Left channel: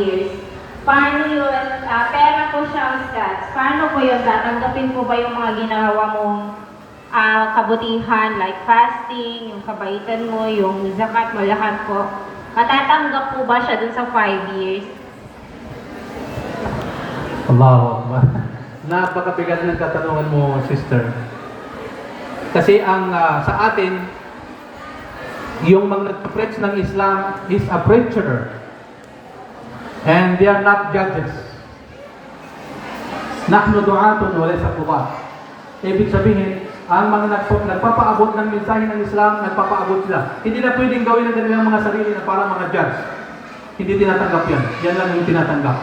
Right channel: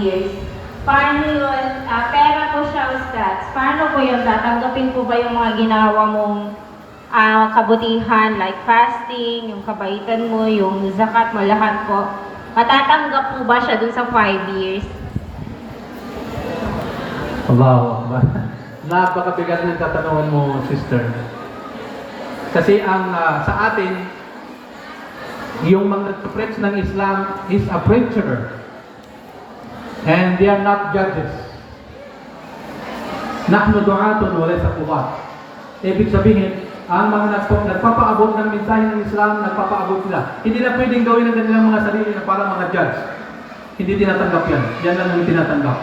years. Paano yun? Pera po siya, Ustad. Paano po yun? Tatanggapin po ba yung mga ginawa mong kabutihan like fasting, yung kabaitan mo, yung zakat mo, lahat po? Matatanggap po ba siya dun sa 5 years? Allahu Akbar. Napakabigat ng katanungan mo, sister. Kasi ang sa atin, yung mga nag-preach ng Islam is a preacher. And they are not judges. Nahnu du'atun wa laysa qudat. Ibig sabihin, ang mga nagpapaabot ng mensahe ng Islam, nagpapaabot sila. Hindi na pwedeng gawin ng kanilang mga sarili na para mga judge. Hindi tinatanggap yan. Yan lang yung tinatanggap.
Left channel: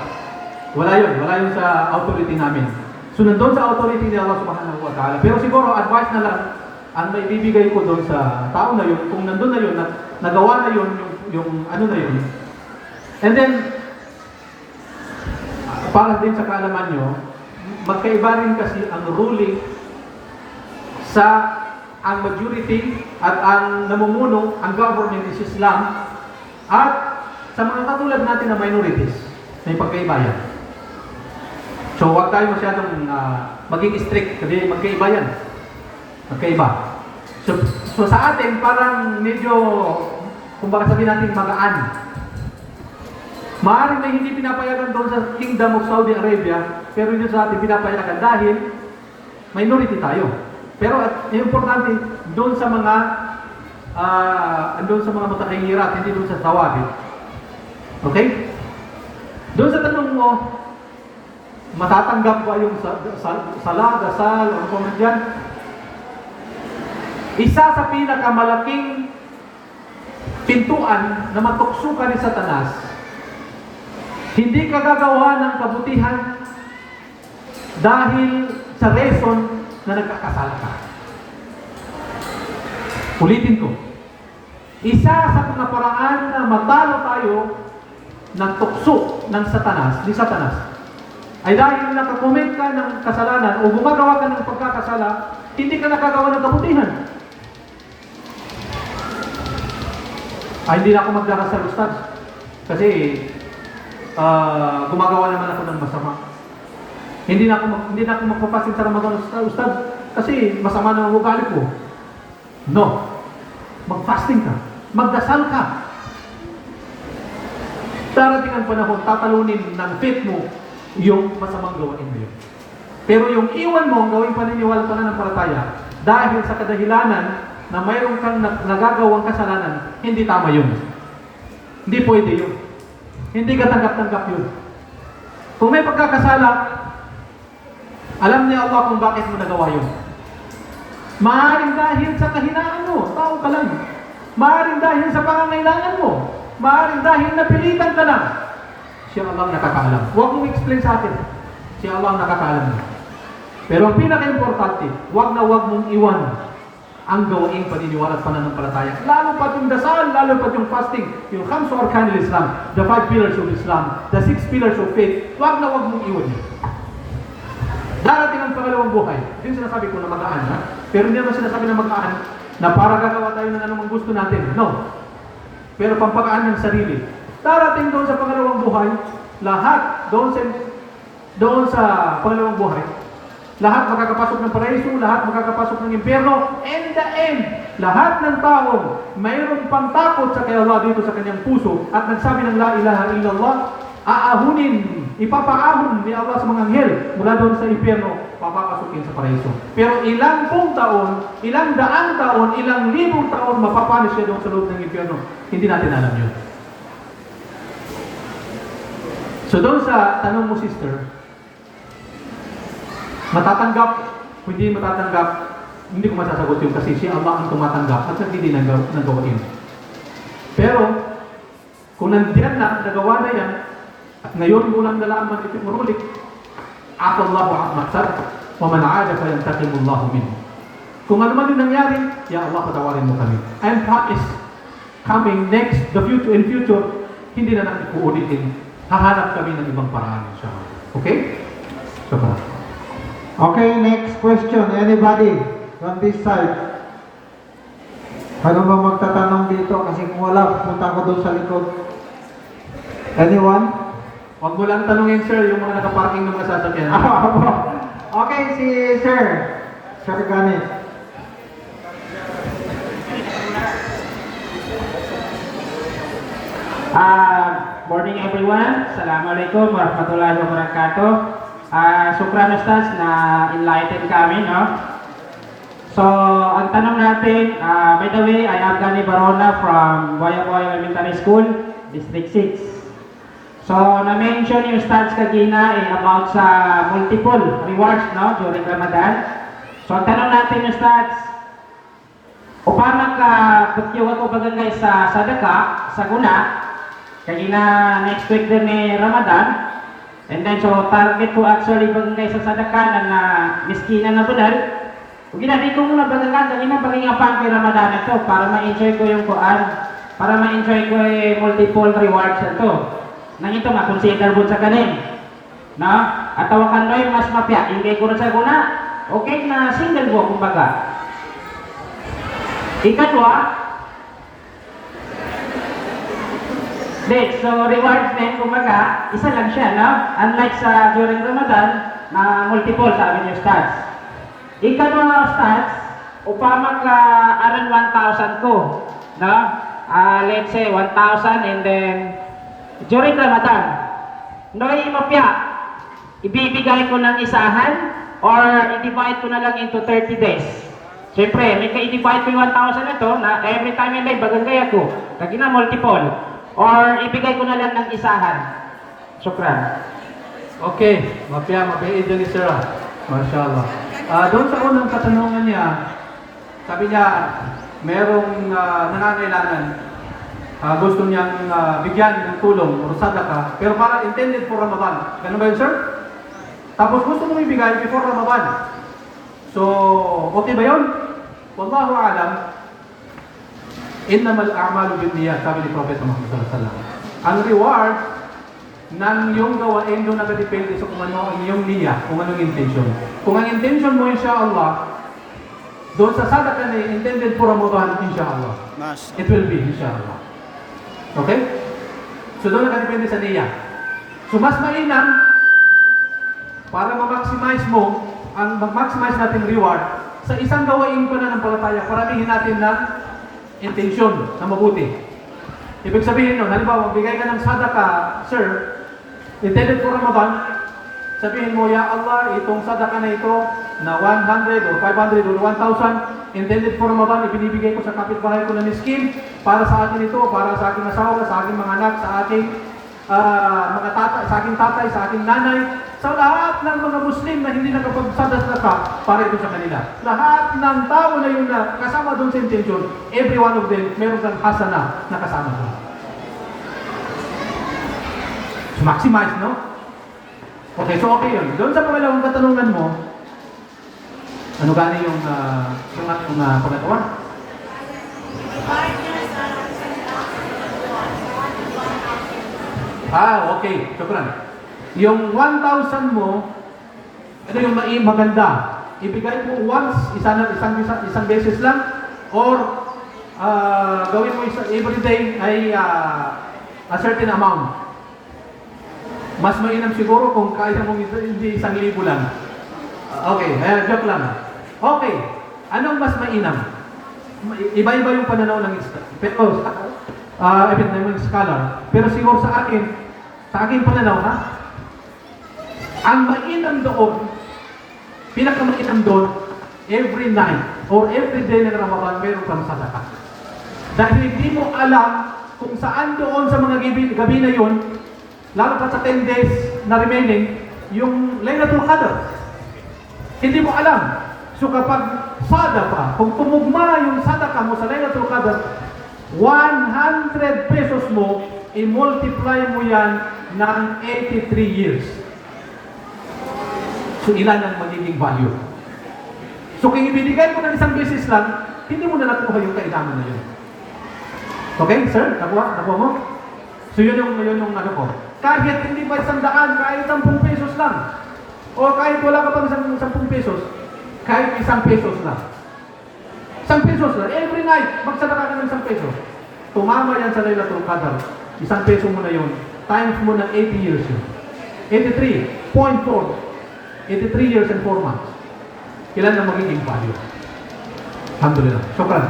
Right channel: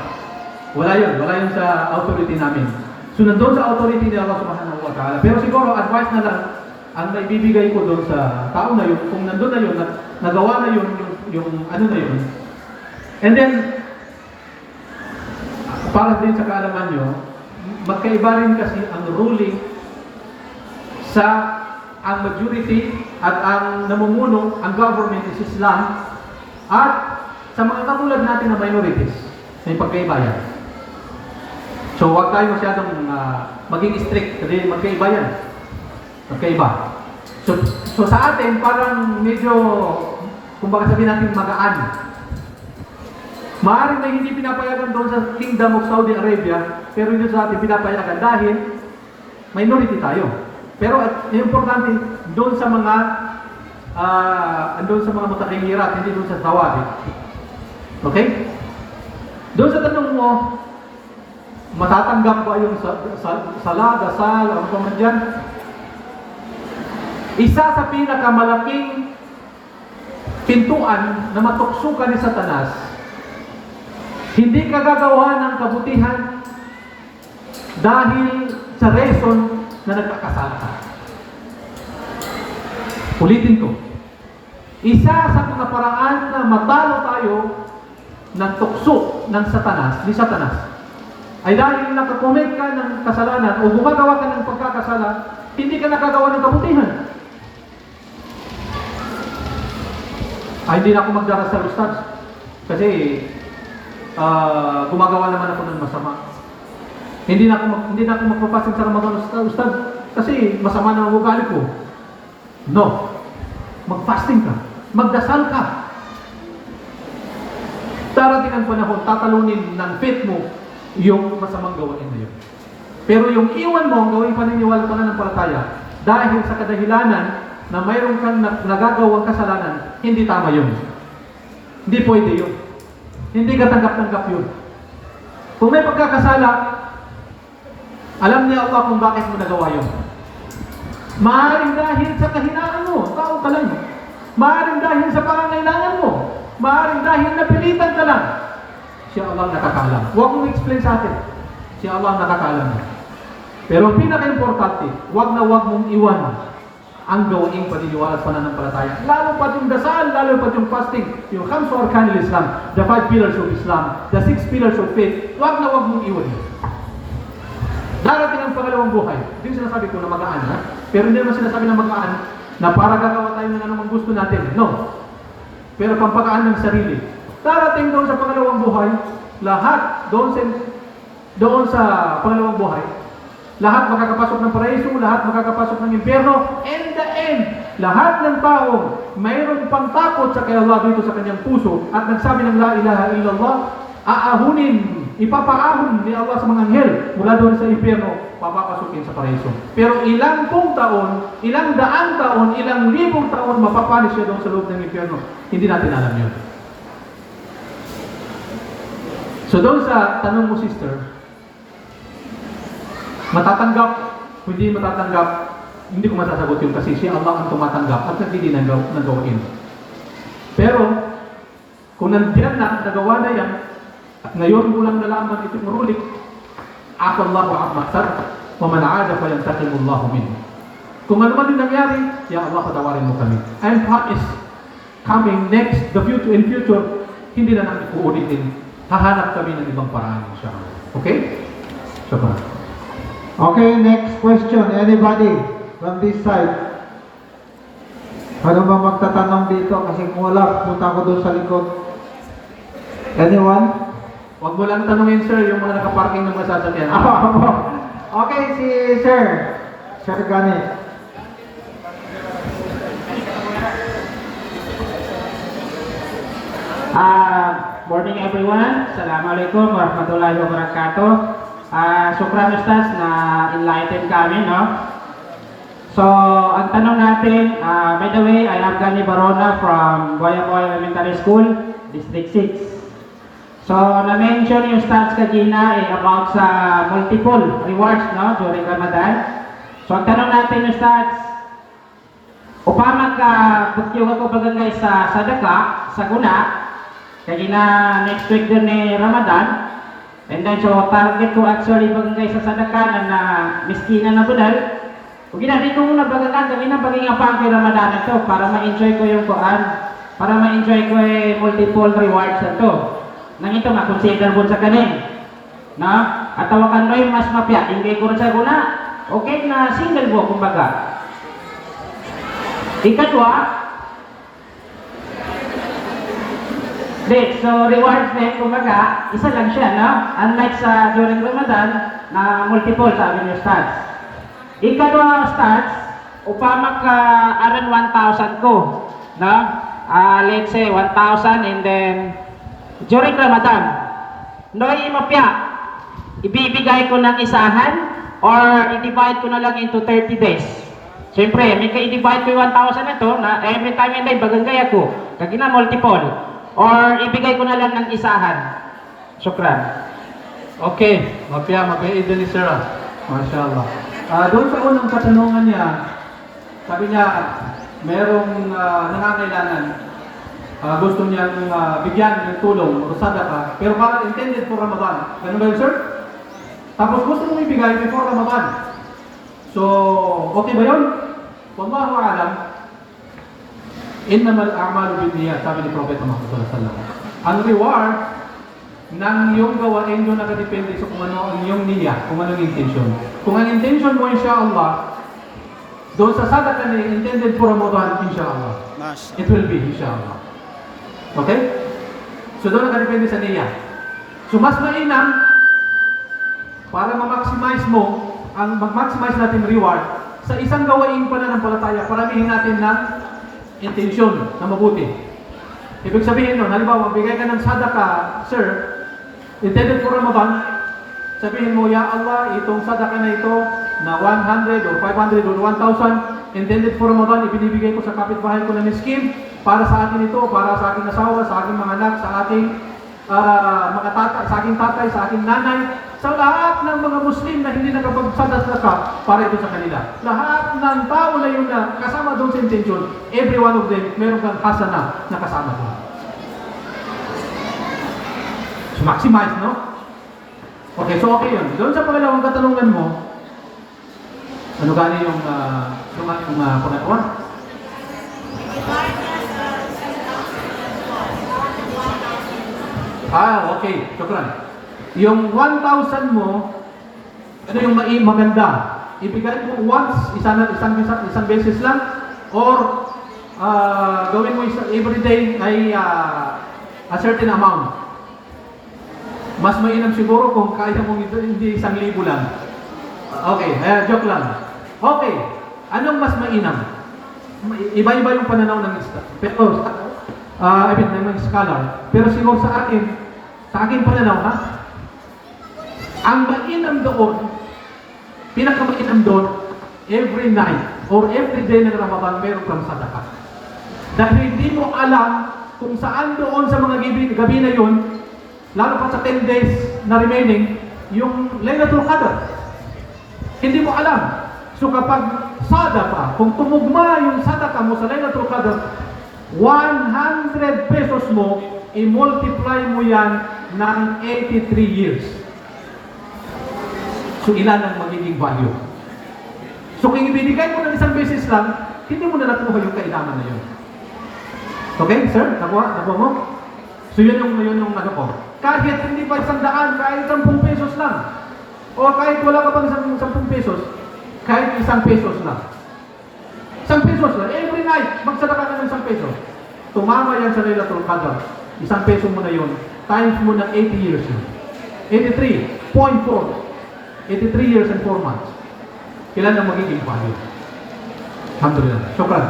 Wala yun sa authority namin. So nandun sa authority ni Allah subhanahu wa ta'ala. Pero siguro advice na lang ang may bibigay ko doon sa tao na yun, kung nandun na yun, nagawa na yun, yung ano na yun. And then, para din sa kaalaman nyo, magkaiba rin kasi ang ruling sa ang majority at ang namumuno, ang government is Islam, at sa mga katulad natin na minorities, may pagkaiba yan. So huwag tayo masyadong maging strict kasi magkaiba yan. Magkaiba. So sa atin, parang medyo, kung baka sabihin natin magaan. Maaaring may hindi pinapayagan doon sa Kingdom of Saudi Arabia, pero hindi sa atin pinapayagan dahil minority tayo. Pero importante, doon sa mga matakilirat, hindi doon sa tawari. Okay? Doon sa tanong mo, matatanggap ba yung sala, dasal, ano pa man dyan? Isa sa pinakamalaking pintuan na matuksukan ni Satanas, hindi ka gagawa ng kabutihan dahil sa reason na nagkakasala ka. Ulitin ko. Isa sa mga paraan na matalo tayo ng tukso ng ni Satanas, ay dahil nakakomit ka ng kasalanan o gumagawa ka ng pagkakasala, hindi ka nakagawa ng kabutihan. Ay, hindi na ako magdarasal, Ustad. Kasi, gumagawa naman ako ng masama. Hindi na ako magpapasin sa Ramadan, Ustad. Kasi, masama na ang ugali ko. No. Mag-fasting ka. Magdasal ka. Darating ang panahon, tatalunin ng faith mo yung masamang gawain na yun. Pero yung iwan mo, ang gawing paniniwala pananampalataya, dahil sa kadahilanan na mayroon kang nagagawang kasalanan, hindi tama yun. Hindi pwede yun. Hindi ka tanggap-tanggap yun. Kung may pagkakasala, alam niya Allah kung bakit mo nagawa yun. Maaaring dahil sa kahinaan mo, tao ka lang. Maaaring dahil sa pangangailangan mo. Maaaring dahil napilitan ka lang. Siya Allah ang nakakaalam. Huwag mong explain sa akin. Siya Allah ang nakakaalam niya. Pero ang pinaka-importante, huwag mong iwan ang gawaing paniniwala at pananampalataya. Lalo pa yung dasal, lalo pa yung fasting, yung khamsu arkanil Islam, the 5 pillars of Islam, the 6 pillars of faith, huwag mong iwan yun. Darating ang pangalawang buhay. Hindi sinasabi ko na magaan, ha? Pero hindi naman sinasabi na magaan na para gagawa tayo ng anumang gusto natin. No. Pero pampagaan ng sarili. Darating doon sa pangalawang buhay, lahat doon sa pangalawang buhay, lahat makakapasok ng paraiso, lahat makakapasok ng impyerno, and the end, lahat ng tao mayroong pangtakot sa kay Allah dito sa kanyang puso at nagsabi ng la ilaha illallah, aahunin, ipapaahon ni Allah sa mga anghel mula doon sa impyerno, papapasukin sa paraiso. Pero ilang pong taon, ilang daang taon, ilang libong taon mapapanis siya doon sa loob ng impyerno. Hindi natin alam yun. So doon sa tanong mo, sister, matatanggap, hindi matatanggap, hindi ko masasagot yun kasi siya Allah ang tumatanggap at hindi ng gawain. Pero, kung nandiyan na, nagawa na yan, at ngayon mo lang nalaman ito murulik, Allahu Akbar, wa man aada fa yantaqimullahu minhu. Kung ano man yung nangyari, ya Allah, patawarin mo kami. And promise, coming next, in future, hindi na natin uulitin. Hahanap kami ng ibang paraan. Okay? So, Okay, next question. Anybody from this side? Ano ba magtatanong dito? Kasi kung wala, punta ko doon sa likod. Anyone? Huwag mo lang tanungin, sir, yung mga nakaparking ng mga sasakyan. Okay, si Sir. Sir Ganit. Morning everyone. Assalamualaikum warahmatullahi wabarakatuh. Syukran Ustaz na enlighten kami, no? So, ang tanong natin, by the way, I am Gani Barona from Boyaboy Elementary School, District 6. So, na-mention yung Ustaz kagina about sa multiple rewards, no, during Ramadan. So, ang tanong natin, Ustaz, upama ka bukyo ako bagay sa sadaka, sa guna, kaya na next week din ni Ramadan. And then so target ko actually bagay sa sadaka na miskina na budal. Kung di ko muna bagay na bagay apang ko Ramadan ito para ma-enjoy ko yung kuan, para ma-enjoy ko multiple rewards ito. Nang ito ma-consider mo sa kanin. No? At tawakan mo yung mas mapya, ingay ko rin sa guna. Okay na single mo kumbaga. Ikatwa, so rewards din, kumbaga, isa lang siya, no? Unlike sa during Ramadan, na multiple, sabi niyo, Ustaz. Ikadwa, Ustaz, upama ka aran 1,000 ko, no? Let's say 1,000 and then during Ramadan, no imapya, ibibigay ko ng isahan or i-divide ko na lang into 30 days. Siyempre, may ka-i-divide ko yung 1,000 ito na every time and day bagay ako, kagina multiple. Or ibigay ko na lang ng isahan. Syukran. Okay, mapya dyan ni Sir. Mashallah. Doon sa unang katanungan niya, sabi niya, merong nangangailangan, gusto niyang bigyan ng tulong o sadaka, pero parang intended for Ramadan. Ganun ba yun, sir? Tapos gusto mong ibigay before Ramadan. So, okay ba yun? Wallahu a'lam. Innamal a'malu binniyat, sabi ni Prophet Muhammad sallallahu alaihi wasallam. Ang reward ng iyong gawain doon nakadepende sa kung ano ang iyong niyya, kung ano ang intention. Kung ang intention mo, insyaAllah, doon sa sadaka na intended for Ramadan, insyaAllah. It will be, insyaAllah. Okay? So doon nakadepende sa niyya. So mas mainam, para ma-maximize mo, ang mag-maximize natin reward, sa isang gawain pananampalataya, paramihin natin ng intention na mabuti. Ibig sabihin nun, halimbawa, magbigay ka ng sadaka, sir, intended for Ramadan, sabihin mo, Ya Allah, itong sadaka na ito, na 100 or 500 or 1,000, intended for Ramadan, ibinibigay ko sa kapitbahay ko na miskin, para sa akin ito, para sa aking asawa, sa aking mga anak, sa aking mga tatay, sa aking tatay, sa aking nanay, sa lahat ng mga Muslim na hindi nakapagsadaka para ito sa kanila. Lahat ng tao na yun na kasama doon sa intention, every one of them, meron kang hasana na kasama doon. So, maximize, no? Okay, so okay yun. Doon sa pangalawang katanungan mo, ano gani yung pangatawa? Okay. Syukran. Yung 1,000 mo, ano yung maganda? Ibigay mo once, isang beses lang, or gawin mo every day ay a certain amount. Mas mainam siguro kung kaya mong hindi 1,000 lang. Okay, joke lang. Okay, anong mas mainam? Iba-iba yung pananaw ng pero ng scholar. Pero siguro sa akin pananaw, ha? Ang mainam doon, pinakamainam doon, every night or every day ng Ramadan, meron kang sadaka. Dahil hindi mo alam kung saan doon sa mga gabi na yun, lalo pa sa 10 days na remaining, yung Laylatul Qadr. Hindi mo alam. So kapag sadaka, kung tumugma yung sadaka mo sa Laylatul Qadr, 100 pesos mo, i-multiply mo yan ng 83 years. So ilan ang magiging value? So kung ibinigay mo ng isang beses lang, hindi mo na nakuha yung kailangan na yun. Okay, sir? Nakuha mo? So yun yung ano ko. Kahit hindi pa 100, kahit 10 pesos lang. O kahit wala ka pang 10 pesos, kahit 1 pesos lang. 1 pesos lang. Every night, magsadaka ka ng 1 peso. Tumama yan sa Laylatul Qadr. 1 peso mo na yun. times mo ng 80 years yun. 83.4. 83 years and 4 months. Kailan ang magiging value? Alhamdulillah. Shukran.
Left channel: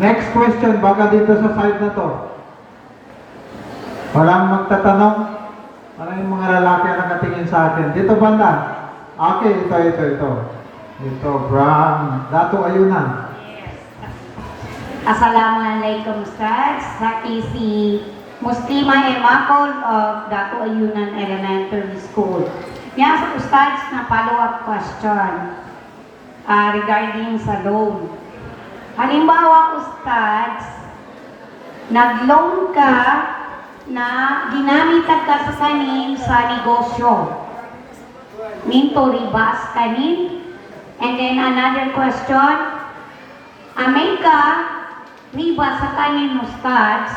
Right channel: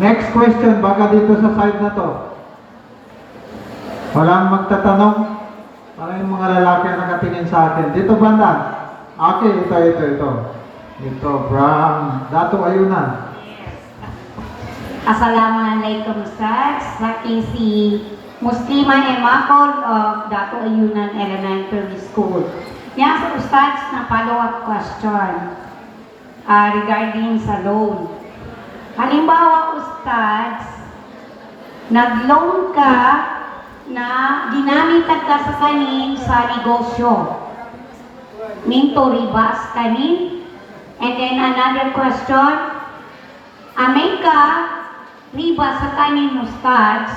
Next question, baka dito sa side na to. Walang magtatanong. Parang yung mga lalaki ang nakatingin sa akin. Dito banda. Okay, ito. Ito, Bram. Dato Ayunan. Assalamualaikum Ustaz. Sa si Muslima Emakol of Dato Ayunan Elementary School. Yan sa Ustaz na follow-up question regarding sa loan. Halimbawa Ustaz, nag-loan ka na ginamit ka sa kanin sa negosyo. Minto ribas kanin. And then another question, amay ka riba sa kanin Ustaz,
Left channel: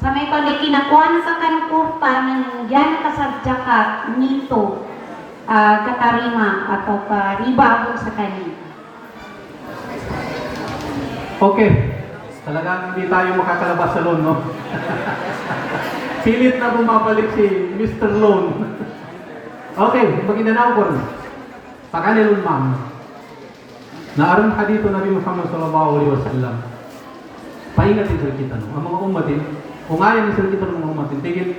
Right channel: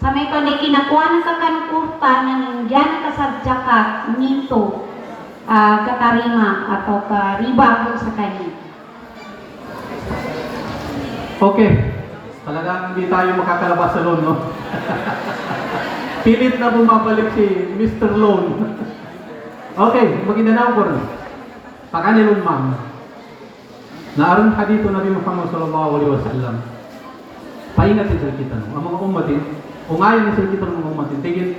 sa may ka na kinakuha na ka kankurta na nandiyan ka sa jakat, minto, katarima atau riba ko sa kanin. Okay. Talagang hindi tayo makakalabas sa loan, no? Pilit na bumabalik si Mr. Loan. Okay, maginanaw ko rin. Sa kanilon, ma'am, naaron hadito Nabi Muhammad sallallahu alaihi wasallam. Paingat sa kita, no? Ang mga umatin, kung ayaw ni sa kita ng mga umatin, tigil,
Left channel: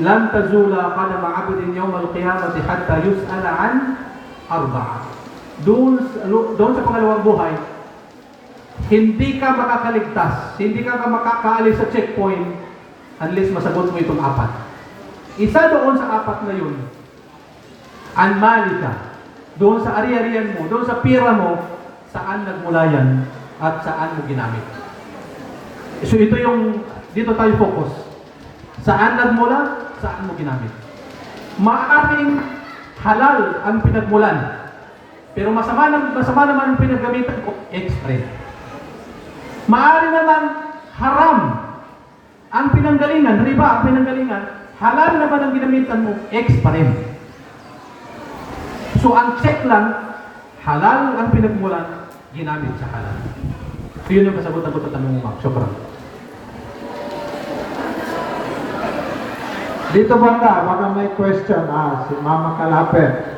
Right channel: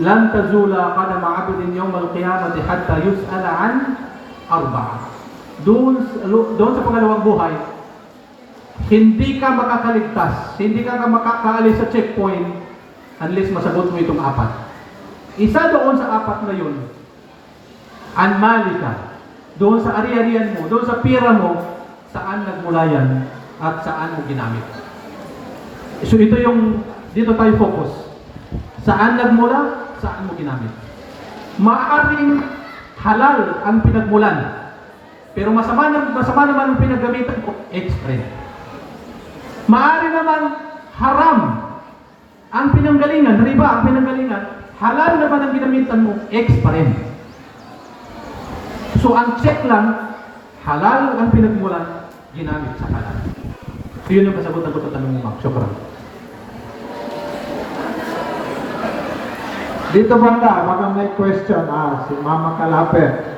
lan tazula qadama 'abdin yawm al-qiyamati hatta yus'ala an arba'a. Doon sa pangalawang buhay, hindi ka makakaligtas, hindi ka makakaalis sa checkpoint unless masagot mo itong apat. Isa doon sa apat na yun, anmalika, doon sa ari-arian mo, doon sa pira mo, saan nagmula yan at saan mo ginamit. So ito yung, dito tayo focus. Saan nagmula, saan mo ginamit. Maaaring halal ang pinagmulan, pero masama naman ang pinaggamitan ko, extra. Maaari naman haram ang pinanggalingan, riba ang pinanggalingan, halal naman ang ginamitan mo, pa rin. So ang check lang, halal ang pinagmulan, ginamit sa halal. So yun yung kasagutan ko sa tanong mo, ma'am. Shukran. Dito banda, baka may question. Si Mama Kalapet.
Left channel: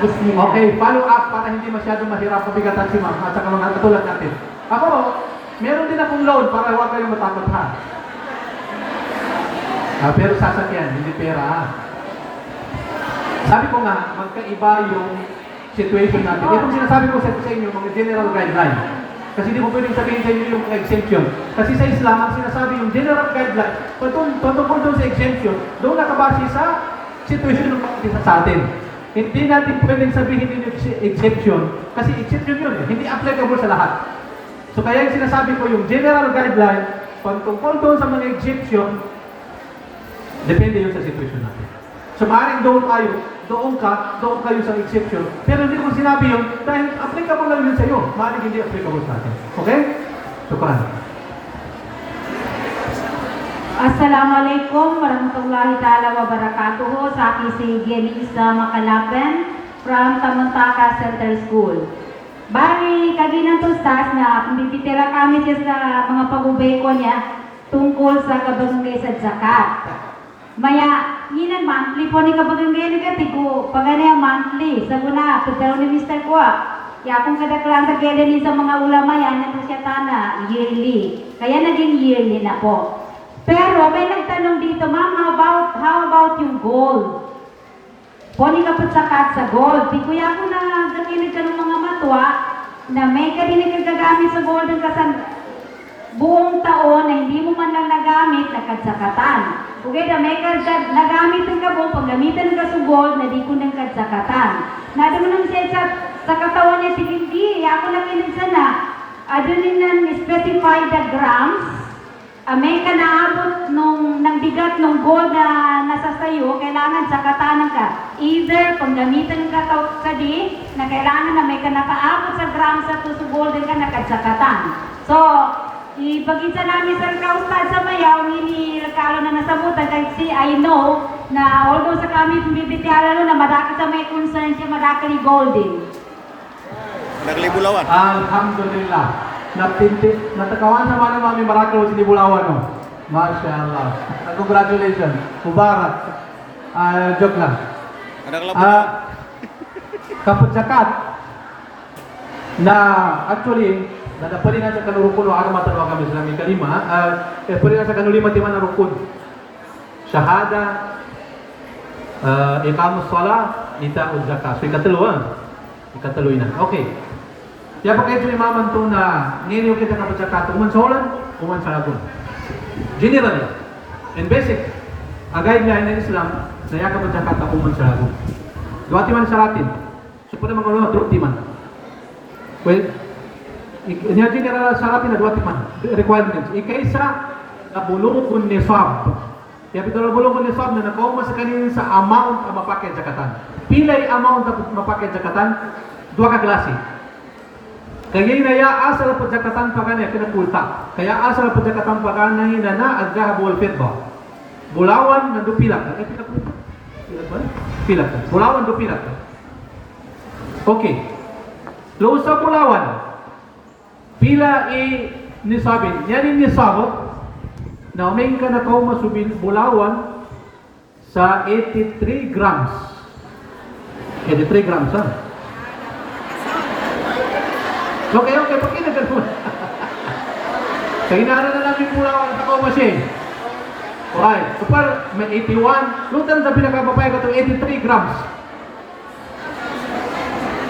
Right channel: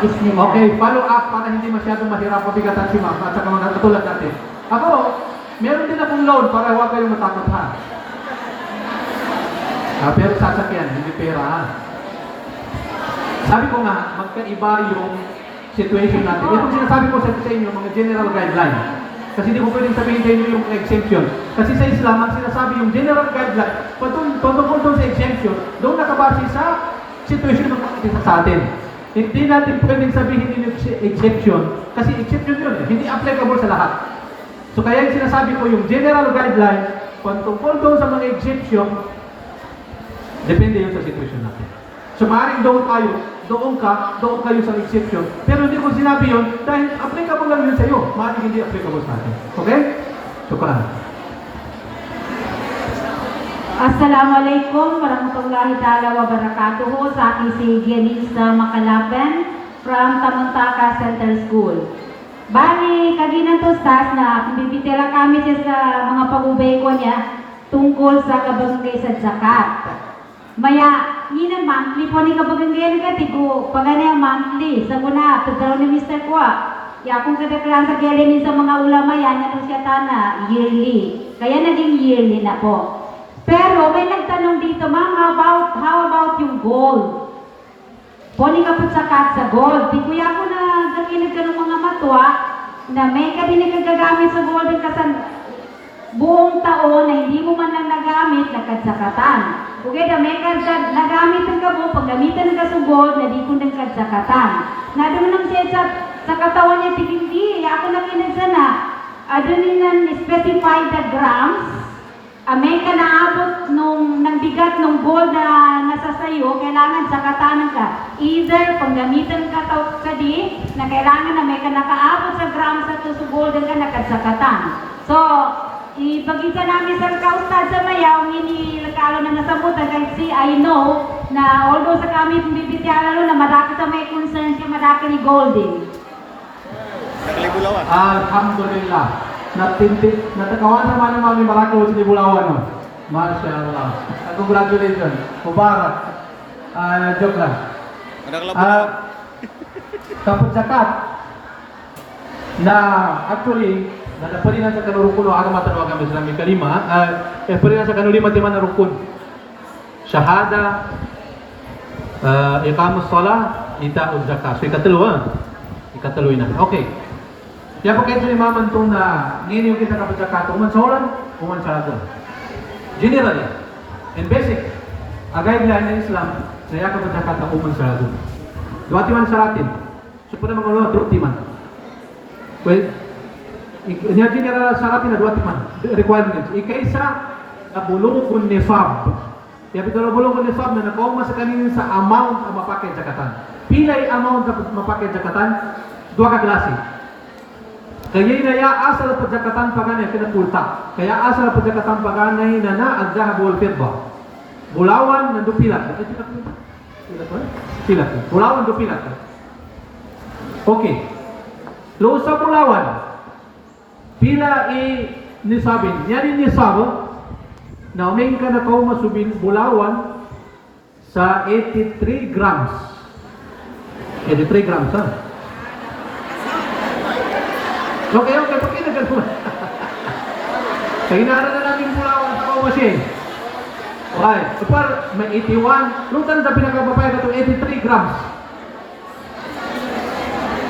Okay, follow up para hindi masyadong mahirap mabigatan si ma'am at saka mga katulad natin. Ako, meron din akong loan para huwag kayong matakot ha. Pero sasakyan, hindi pera. Sabi ko nga, magkaiba yung situation natin. Itong sinasabi ko sa inyo, mga general guideline. Kasi hindi mo pwedeng sabihin sa inyo yung exemption. Kasi sa Islam, ang sinasabi yung general guideline, patungkol doon sa exemption, doon nakabase sa situation ng mga isa sa atin. Hindi natin pwedeng sabihin yung exception, kasi exception yun hindi applicable sa lahat. So kaya yung sinasabi ko, yung general guideline, patungkol doon sa mga exception, depende yun sa situation natin. So maaaring doon kayo sa exception, pero hindi ko sinabi yun, dahil applicable lang yun sa iyo, maaaring hindi applicable sa atin. Okay? Shukran. Assalamualaikum warahmatullahi ta'ala wabarakatuh. Sa akin si Gianisa Makalaban from Tamuntaka Central School. Bali, kanina to Ustaz na bibitira kami siya sa mga pag-ubay ko niya tungkol sa kabagay sa zakat. Maya, ninan monthly po ni kabagay ka tigo, pagana monthly, sa muna, pagdaro ni Mr. Kwa. Ya kung kadaklan sa kaya din sa mga ulama yan, na siya tana, yearly. Kaya naging yearly na po. Pero may nagtanong dito, ma'am, how about yung gold? Pwede ka po sakat sa gold. Di kuya ko na gamitin ka ng mga matwa na may ka din nagagamit sa gold kasi buong taon na hindi mo man lang nagamit, nakadsakatan. Okay, na may ka nagamit ka po, paggamitan ka sa gold, na di ko nang kadsakatan. Nabi mo nang siya sa katawan niya, sige, hindi, ako nakinig sana. Doon nang specify the grams. May ka naabot ng bigat ng gold na nasa sayo, kailangan sakatanan ka. Either panggamitan ka sa di, na kailangan na may ka nakaabot sa grams at sa gold ka nakadsakatan. So, ipagkita namin sa kaustad sa mayaw, lakalo na nasabutan, kasi I know na although sa kami bibitiala na madaki sa may concern siya, madaki ni golding. Naglibulawan. Alhamdulillah. Natakawan naman ng mami Marako sa Libulawan, no? Masya Allah. Congratulations. Mubarak. Joke lang. Ada kelabulawan. Kapag zakat, na actually, na napalingan sa kanurukun o agama tanong kami sa namin kalima, palingan sa kanulima timan na rukun. Shahada, iqamus salah, ita'ud zakat. So ikatalo na. Okay. Kaya pa kayo sa imaman to na ninyo kita kapag zakat, uman sa ulan, uman sa lagun. Generally, and basic, a guideline ng Islam, na yan kapag zakat ka uman sa lagun. Duwati man sa atin. So pwede mga truti man. Well, niya general sa atin na duwati man. Requirements. Ika-isa, nabulong nisab. Kaya pito nabulong nisab na nakauma sa kanina sa amount ang mapakit zakatan. Pilay amount na mapakit zakatan, dua ka klase. Kaya ya asal pagjakatan paganay pinapulta. Kaya asal pagjakatan paganay na al-dhahab wal fidda. Bulawan na dupilat. Ay pinapulta. Pilat. Bulawan dupilat. Okay. Lo sa bulawan. Pila nisabin. Yan nisab na uming ka na kauma subin bulawan sa 83 grams. 83 grams, ha? So, kaya pakina ka naman. Kaya inaano na namin mula sa kaumasin. Okay. So, par, may 81. Lutan sa pinakababay ka ito, 83 grams.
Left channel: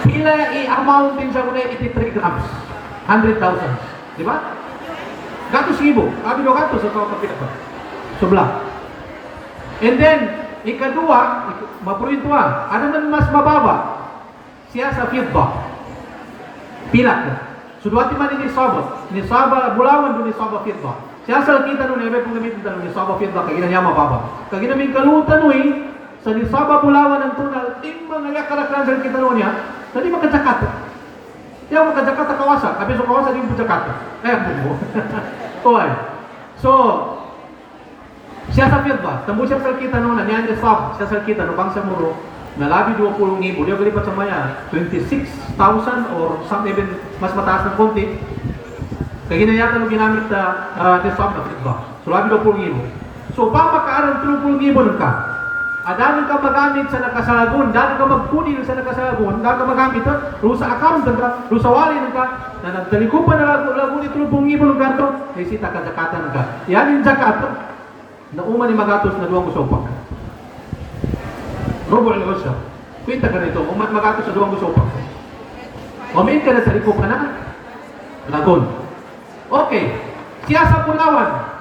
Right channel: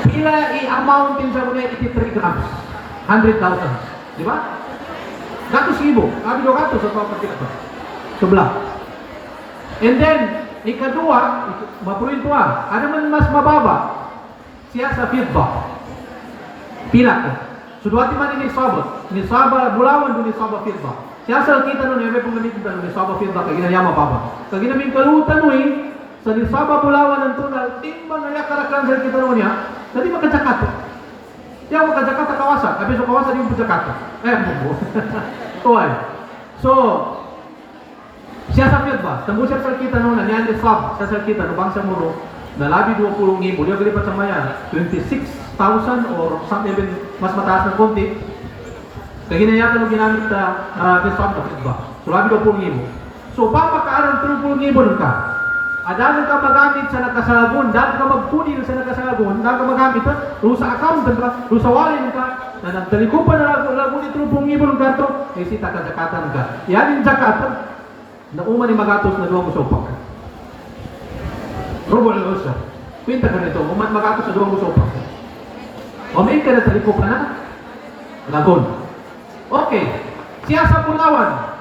Pila i-amount din sa muna 83 grams. 100,000. Di ba? Gatos ibo. Abi lo gatos sa kapatid ito. Subla. And then, ikadua, mapurintua. Ano man mas mababa? Siya sa fidda. Pila ko. Sudwati man ini nisaba. Nisaba bulawan do nisaba fidda. Siya sa kita no niya pong gamitin tanong nisaba fidda kay ginanya mababa. Kay ginaming kalutan no sa nisaba bulawan ang tunal timbang nga karakteran sa kita no niya. Dali makajakat. Siya makajakat sa kawasa. Abi sa kawasa din pujakat. Bubo. Oy. So siya sa fidda. Tambo siya sa kita no niya nisaba. Siya sa kita no bangsa mo nalabi 20,000. Dia kalipat sa maya 26,000 or something even mas mataas ng konti. Kaya ginayatan mo ginamit na nisab na fidda. So labi 20,000. So pang makaaral 30,000 ka. Adami ka magamit sa nakasalagon, dami ka magkunin sa nakasalagon, dami ka magamit sa account ka, sa wallet ka, na nagtalikupan na lagun ni 30,000 ka to, ay sita ka zakatan ka. Yan yung zakatan na uma ni magatos na duwang usopak. Robo al-Rusya. Pinta ka nito, umat magatos sa duwang usopak. Umain ka na sa liko ka na, lagon. Okay, siya sa Bulawan.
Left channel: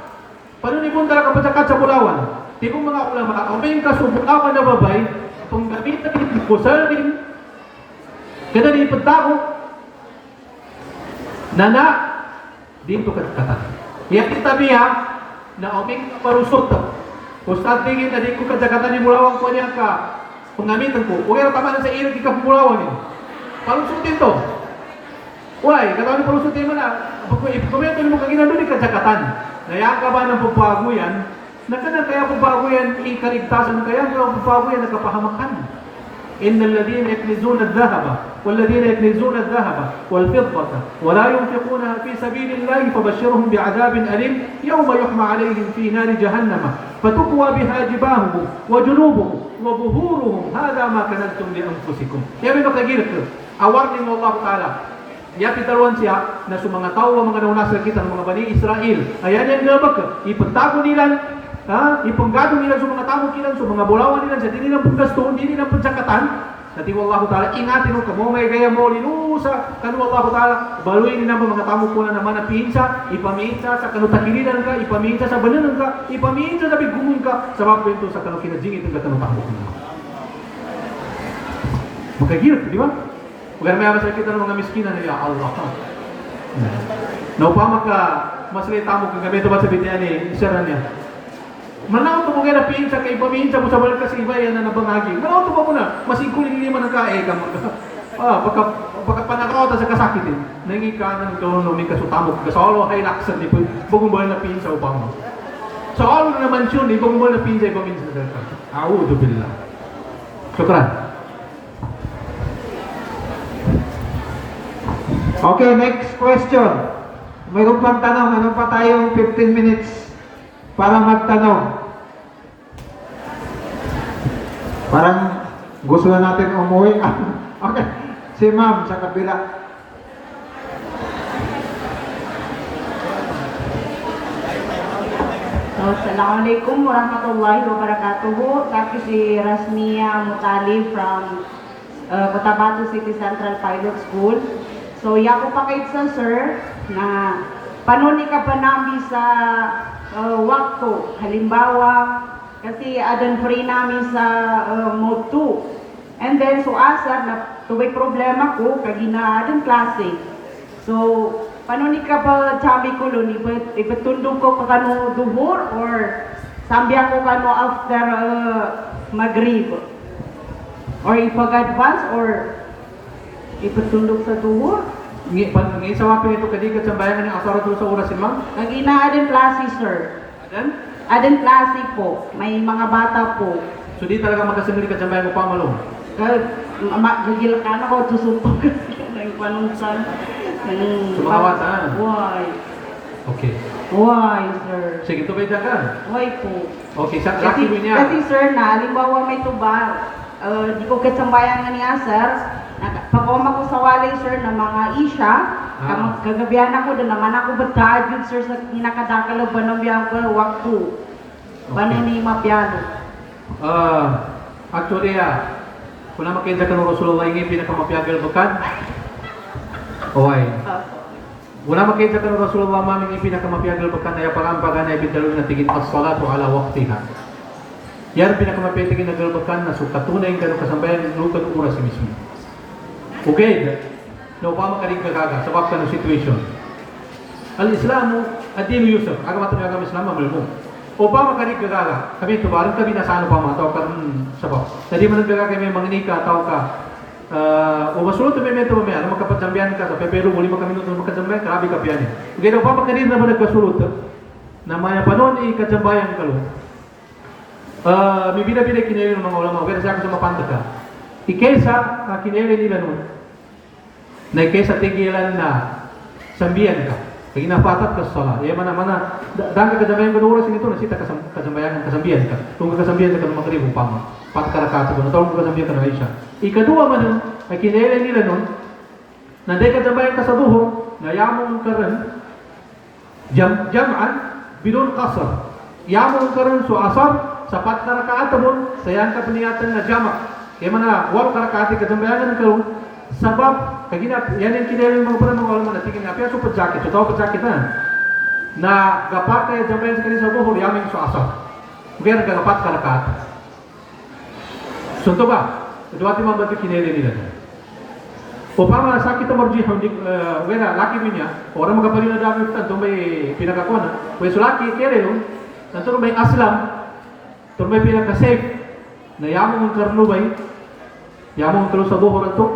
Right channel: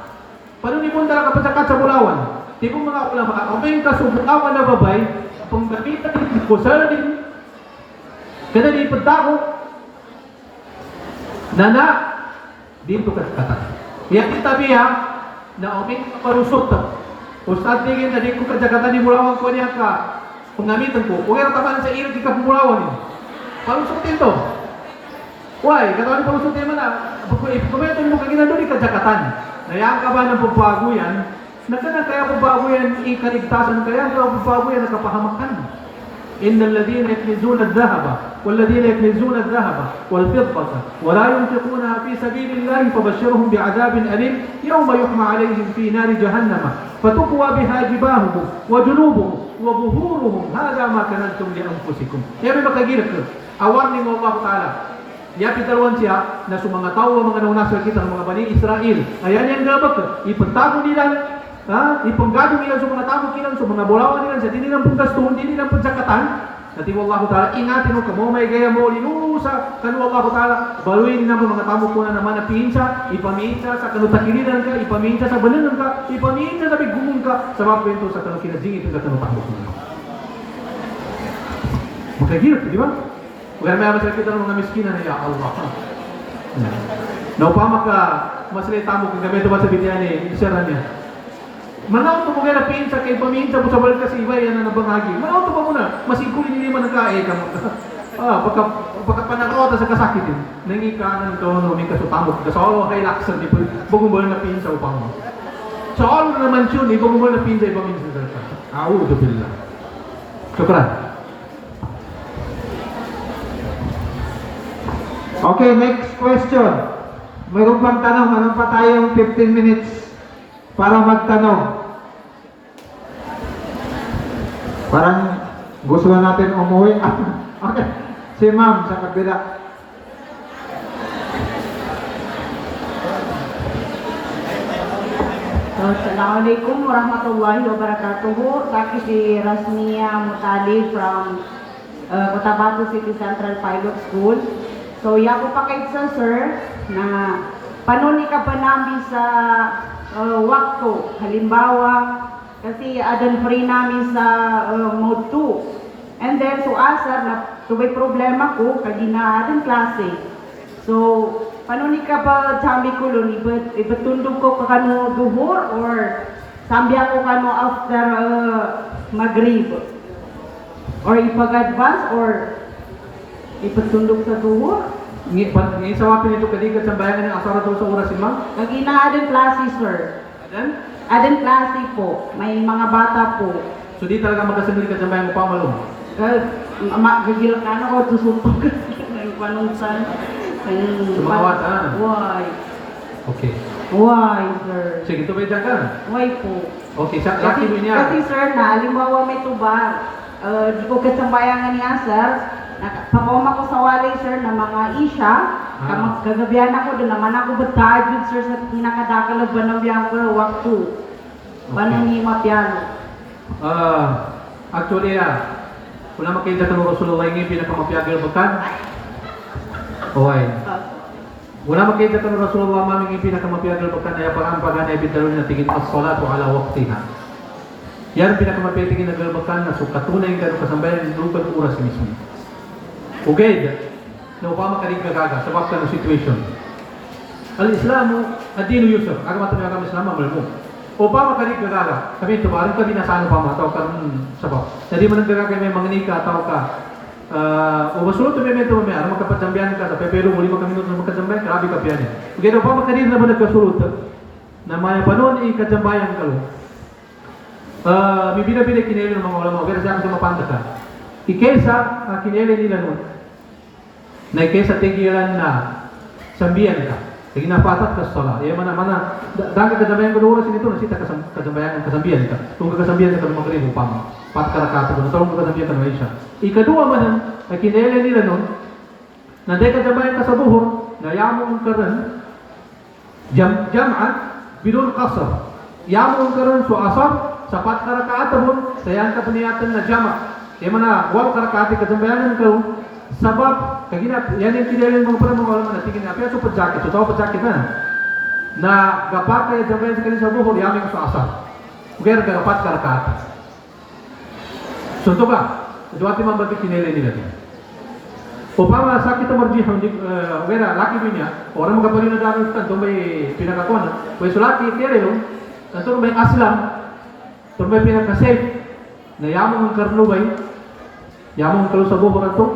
Paano ni punta ka pa sa Bulawan? Di mo mga ulang maka, umain ka sa Bulawan na babay, kung gamitan din ko sa rin, kada di pagtao, nana, dito ka kata. Yan kita biya, na umain ka parusot. Kung saan tingin na di ko kajakatan ni Bulawan ko niya ka, kung gamitan ko, kung yung tamaan sa ilog, di ka Bulawan yun. Palusutin to. Why? Katawan ni palusutin mo na, kumitin mo kagina doon, di kajakatan. Naya ka ba ng pagbago yan? Nakana kaya pagbago yan, ikaligtasan kaya, kaya pagbago yan, nakapahamakan. إن الذين يكنزون الذهب والذين يكنزون الذهب والفضة ولا ينفقونها في سبيل الله فبشرهم بعذاب أليم يوم يحمى عليهم في نار جهنم فتكوى بها جباههم وجنوبهم وظهورهم هذا ما كنزتم لأنفسكم. Ya memang kagir ke. Awarning Allah Taala. Ya kita ruan siya na sa mga tao mga naunasal kita ng mga Bani Israel. Ayan yang gabak. Ipagtago nila ipanggado nila sa mga tamo kilang sa mga bulawan nila sa dinilang paggasto, hindi nilang pagjakatan. Nati Allah Ta'ala, ingatin mo kamo may gaya mo linusa, kanu Allah Ta'ala, baluin nila mga tamo ko na naman na pinsa, ipaminsa sa kanutakilinan ka, ipaminsa sa bananan ka, ipaminsa sa bigumong ka, sa mga kwento sa kanukinajingit ng katanutamo ko na. Magkagirap, di ba? Huwag may amas kita ng mga miskinan na, ya Allah. Naupama ka, masalita mo kung gabi ito ba sa bibyan ni Isara niya. Manaw to mo kaya pinsa kay paminsa mo sa balkas iba yan na nabangagi. Manaw to ba mo na? Masigpuli hindi man nagkae ka. Pagka panakota sa kasakitin. Nangi ka na nagkaroon ng kasutambok. Kasalo kay laksan ni bugumboy na pinsa upang mo. So all naman yun, bugumboy na pinsa paminsa sa balkas. A'udhu billah. Syukran. Okay, next question. Mayroon pang tanong, meron pa tayong 15 minutes para magtanong. Parang gusto na natin umuwi. Okay, si ma'am sa kabila. Assalamualaikum warahmatullahi wabarakatuh. Saya si Rasmia Mutali from Cotabato City Central Pilot School. So, ya ko pakit sa sir na panuni ka pa namin sa waktu. Halimbawa, kasi adan free namin sa mode 2. And then, so asar na tubay problema ko, kagina adan klase. So, panuni ka ba sabi ko nun, ipatundog ko ka kano duhur or sambi ako kano after Maghrib? Or ipag-advance or ipatundog sa duhur? Ngayon sa mga pinito kadigat sa bayan ng asara doon sa oras imam? Kagina adan klase, sir. Adan? Adan klase po. May mga bata po. So di talaga magkasimili ka sa bayan mo pa malong? Gagil ka na ko, tusuntog kasi ng panunsan. Sumawat ka na? Why? Okay. Why, sir? Sige, tubay dyan ka. Why po? Okay, sa laki mo niya. Kasi sir na, halimbawa may tuba, di ko katsambayan niya, sir. Pakoma ko sa walay, sir, na mga isya. Kagabihan ako doon naman ako batagod, sir, sa kinakadakalog ba ng biyan ko, waktu. Banon ni mapyano. Actually, kung makita ka ng Rasulullah yung pinakamapiagal bakan, okay. Wala makita ka ng Rasulullah maming yung pinakamapiagal bakan ay pangampagan ay bintalo na tingin as-salatu ala waqtiha. Yan pinakamapiagal na galbakan na sukatunay ka kasambayan ng lugar ko oras mismo. Okay, no pa makalig gaga sa bakal situation. Al-Islamu ad-din yusuf, aga matulungan kami Islam mo. O pa makalig gaga, kami tuwaran kami na sa ano pa man tawag ka sabak. Hindi mo nang gaga may manginika tawag ka. O masulot may metro may ano makapatsambihan ka sa pero muli mo kami nung makatsambihan, grabe ka piyan. Okay, no pa makalig na mo nagkasulot na maya panon ikatsambayan ka lo. Bibila-bila kinelo ng mga ulama, pero sa akin sa mapanda ka. Ikesa kinelo nila no. Na ikesa tigilan na sambihan ka. Kaya ginapatat ka sa sala. Iya mana-mana dahil kadamayan ko oras nito nasita kasambayan kasambihan ka. Kung kasambihan ka ng magribo pa. Pat karakato ko natawag ko kasambihan ka ng Aisha. Ikadua man na kinelo nila no. Na dahil kadamayan ka sa buho, na yamong karan jam'an bidon qasr. Yamong karan su asar sapat na rakaat mo, sayang ka paniyatan na jama. Kaya mana, wal karakati kasambayanan ko, sabab, kaginap, yan yung kinilin mo pa rin mga walang natingin nga, pero pa jacket, so tawag pa jacket na gapake, jambayan sa kanil sa buhol, yaming sa asa. Kaya nagkarapat karakati. So ito ba? Ito ating mga bagay kinilin nila. O pa mga sakit na marjihang, wala, laki mo niya, orang magkaparin na dami ito may pinakakona, kaya so laki, kaya yun, nanto may aslam, ito may pinaka-safe na yamong ang karnubay, yamong ang kalu sa buho na ito,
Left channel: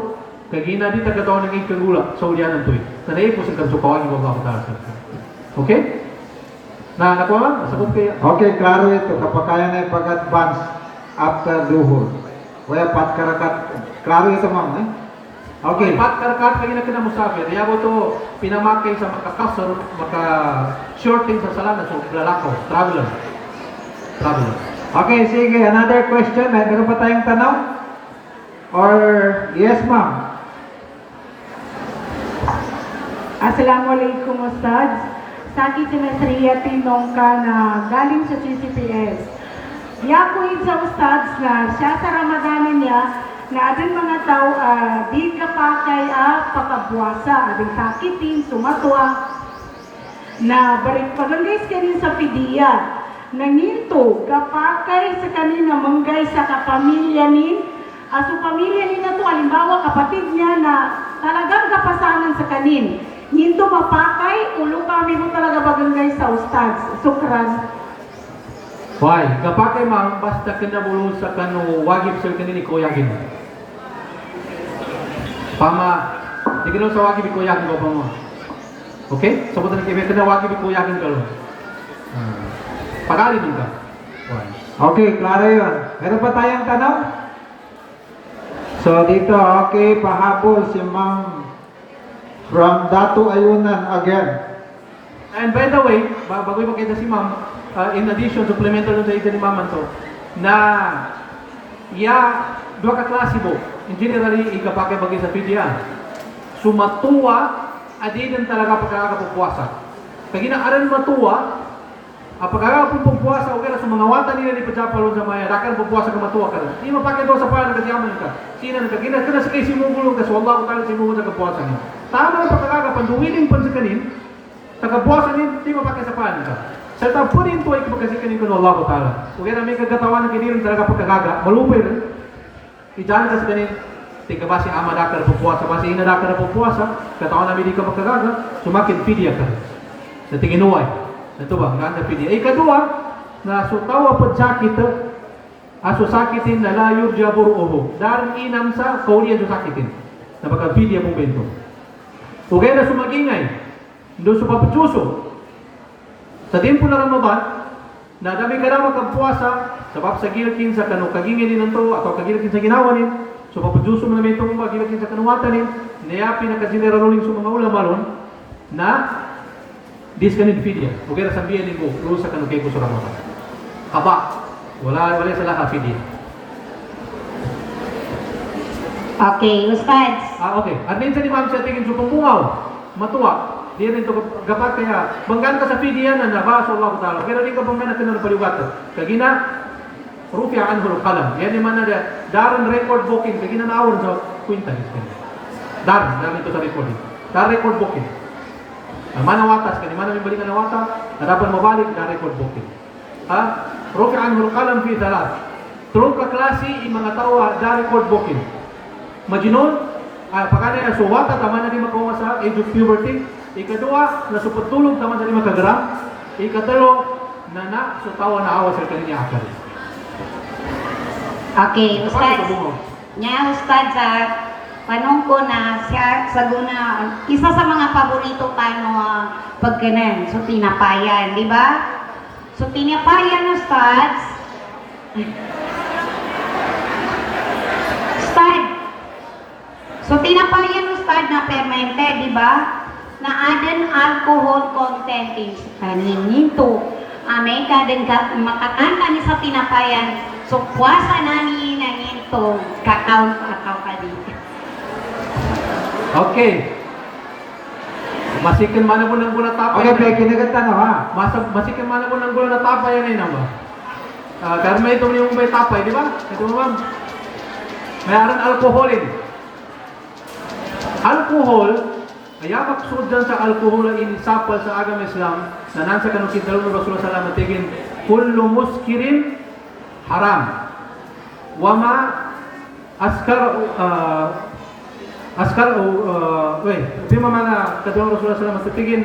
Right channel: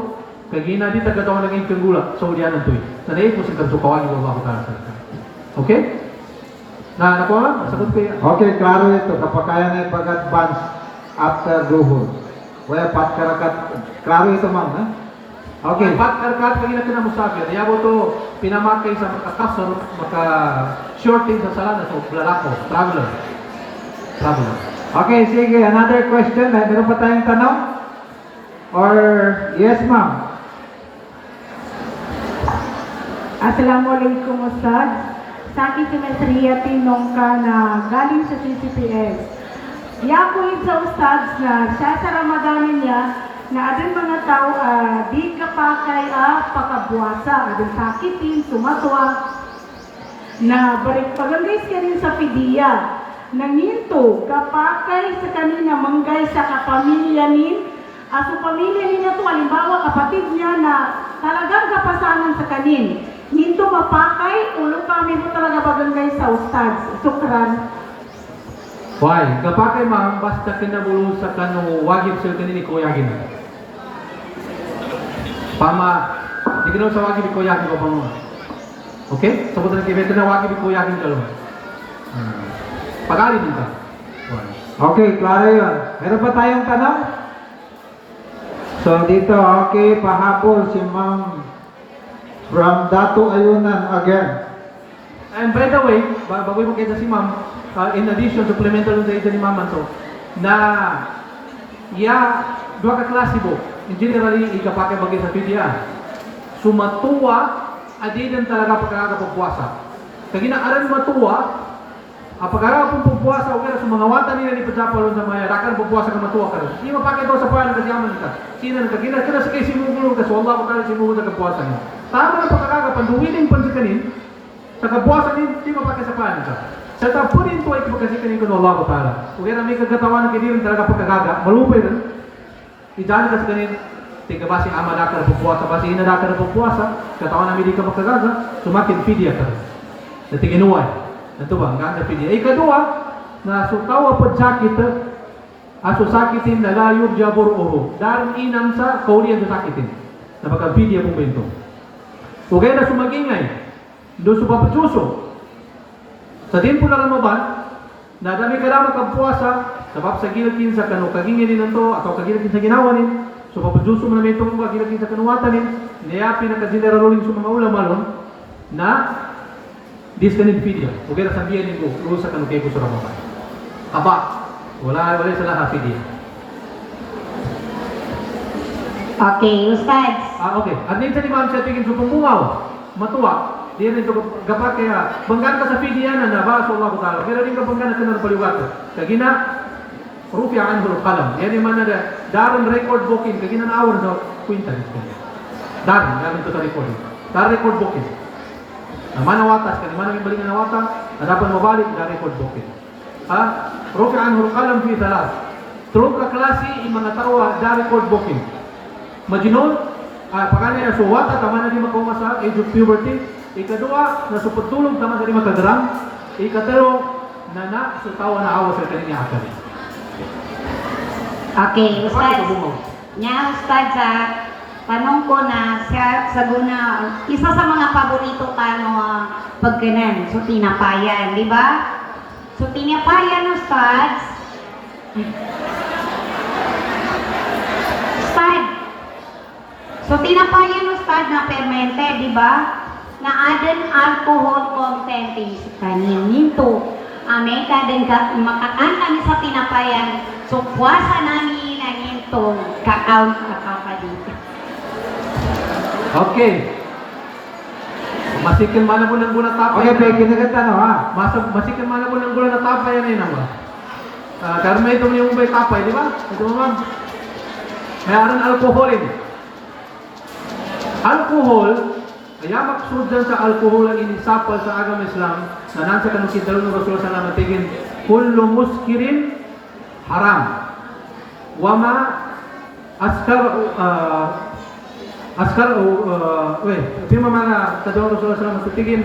kagina di tagatawang naging kagula sa ulyan ng tuwi. Nanaip mo sa karsukawang yung mga katarasa. Okay? Na nakuha lang? Sagot kaya? Okay, klaro ito. Kapag kaya na ipag-advance after duhur. Kaya pat karakat. Klaro ito ma'am, eh? Okay. Pat karakat kagina kinamusafir. Diya mo ito pinamakay sa makakasor, maka-shorting sa sala na sa lalakaw. Traveler. Okay, sige. Another question. Meron pa tayong tanong? Or, yes ma'am? Assalamualaikum Ustaz. Sa akin si Mesria Tinong ka na galing sa CCPS. Yakuin sa Ustaz na siya sa Ramadanin niya na adin mga tao di kapakay pakabuasa, adin sakitin, sumatuwa na balik pagangay kanin sa pidiya. Nanginto, kapakay sa kanina manggay sa kapamilya ni aso pamilya ni na to, halimbawa kapatid niya na talagang kapasanan sa kanin. Hinto mapakay, ulo kami mo talaga bagangay sa Ustaz. Sukran. Why? Kapag kay ma'am, basta kinabulong sa kanu wagib sa kanini kuyagin. Pama, di ka sa wagib kuyagin ko pa mo. Okay? Sabutan ng kibet na wagib kuyagin ka lang. Pag-alin din ka. Okay, klaro yun. Meron pa tayong tanong? So dito, okay, pahabol si Ma'am from Datu Ayunan again. And by the way, bago yung makita si ma'am, in addition, supplemental yung dahil ni ma'am to, na dua ka klase mo, in generally, ikapake bagay sa PDA. Sumatuwa, adinan talaga pagkakapagpuasa. Kaya ginaaran matuwa, pagkakapagpuasa, okay na sa mga wata nila ni Pajapalo sa maya, rakan pupuasa ka matuwa ka rin. Hindi mapake daw sa paano kasi yaman ka. Sinan ka, kina sa kayo sinugulong ka, so Allah ko kala sinugulong sa kapuasa niya. Tama ang pagkakapanduwiling pansakanin, sa kapuasa niya, hindi mapake sa paano ka. Sa tapunin to ay kapagkasikanin ko na Allah ko kala. Kaya na may kagatawan ng kinilang talaga pagkakaga, malupay rin. Ijan ka sa kanin, tika basi amadaka na pupuasa, basi inadaka na pupuasa, katawan namin di ka magkagaga, sumakin pidya ka. Sa tinginuay. Ito ba, ang ganda pidya. Ikadua, na sutawa po sakit, aso sakitin na layog jabor oho. Darang inang sa kauli ang sakitin. Na pagka-pidya po bento. Ugay na sumagingay, doon sa papachuso. Sa tempo na Ramadan, na dami ka na magkapuasa, sabab sa gilkin sa kanu kagingin din to atau kagilkin sa ginawa nin, so papajuso mo na may itong kagilkin sa kanuwatan nin, nayapi ng kasineraruling sa mga ulamalon, na diskanid fidya. Huwag na sabihin ko, ulo sa kanu kayo sa Ramadan. Aba, wala sa lahat fidya. Okay, Ustads. Okay. At minsan ni ma'am siya tingin supong bungaw, matuwa. Di rin ito gapat kaya banggan ka sa fidya na nabaso Allah ko ta'ala. Kira din ka banggan ka ng paliwata. Kagina, rufi ang anhul kalam. Yan yung man na darin record booking. Kagina na awan sa kwinta. Darin ito sa recording. Darin record booking. Manawatas ka, di mana may balik na nawata, na dapat mabalik na record booking. Rufi ang anhul kalam fi talas. Tulong ka klase, yung mga tawa, da record booking. Majinon, pagkana yung suwata, tama na di makuha sa age of puberty. Ikadua, nasuputulong tama sa di makagram. Ikatalo, na sutawa na awa sa kaninya akal. Okay, Ustads. Paano Nya, Ustads, tanong ko na siya sa guna, isa sa mga paborito ka pagkanan, so tinapayan, di ba? So tinapayan, Ustads. So tinapayan, Ustad, na fermented, di ba? Na adan alcohol content is kanin nito. May kadan ka makakanta ni sa tinapayan. So puasa nani na nito ka-count ka dito. Okay. Masikin mana po ng gula tapay. Okay, Peggy, kinaganda na ha. Masikin mana po ng gula na tapay yan ay naman. Karma ito yung may tapay, di ba? Ito ma'am. Mayroon alcoholin. Alcohol, kaya maksud dyan sa alcohol ang inisapal sa agama Islam na nasa kanukit dalawang ng Rasulullah sallallahu alaihi wasallam kullu muskirin haram. Wama ito yung mga kadawang Rasulullah sallallahu alaihi wasallam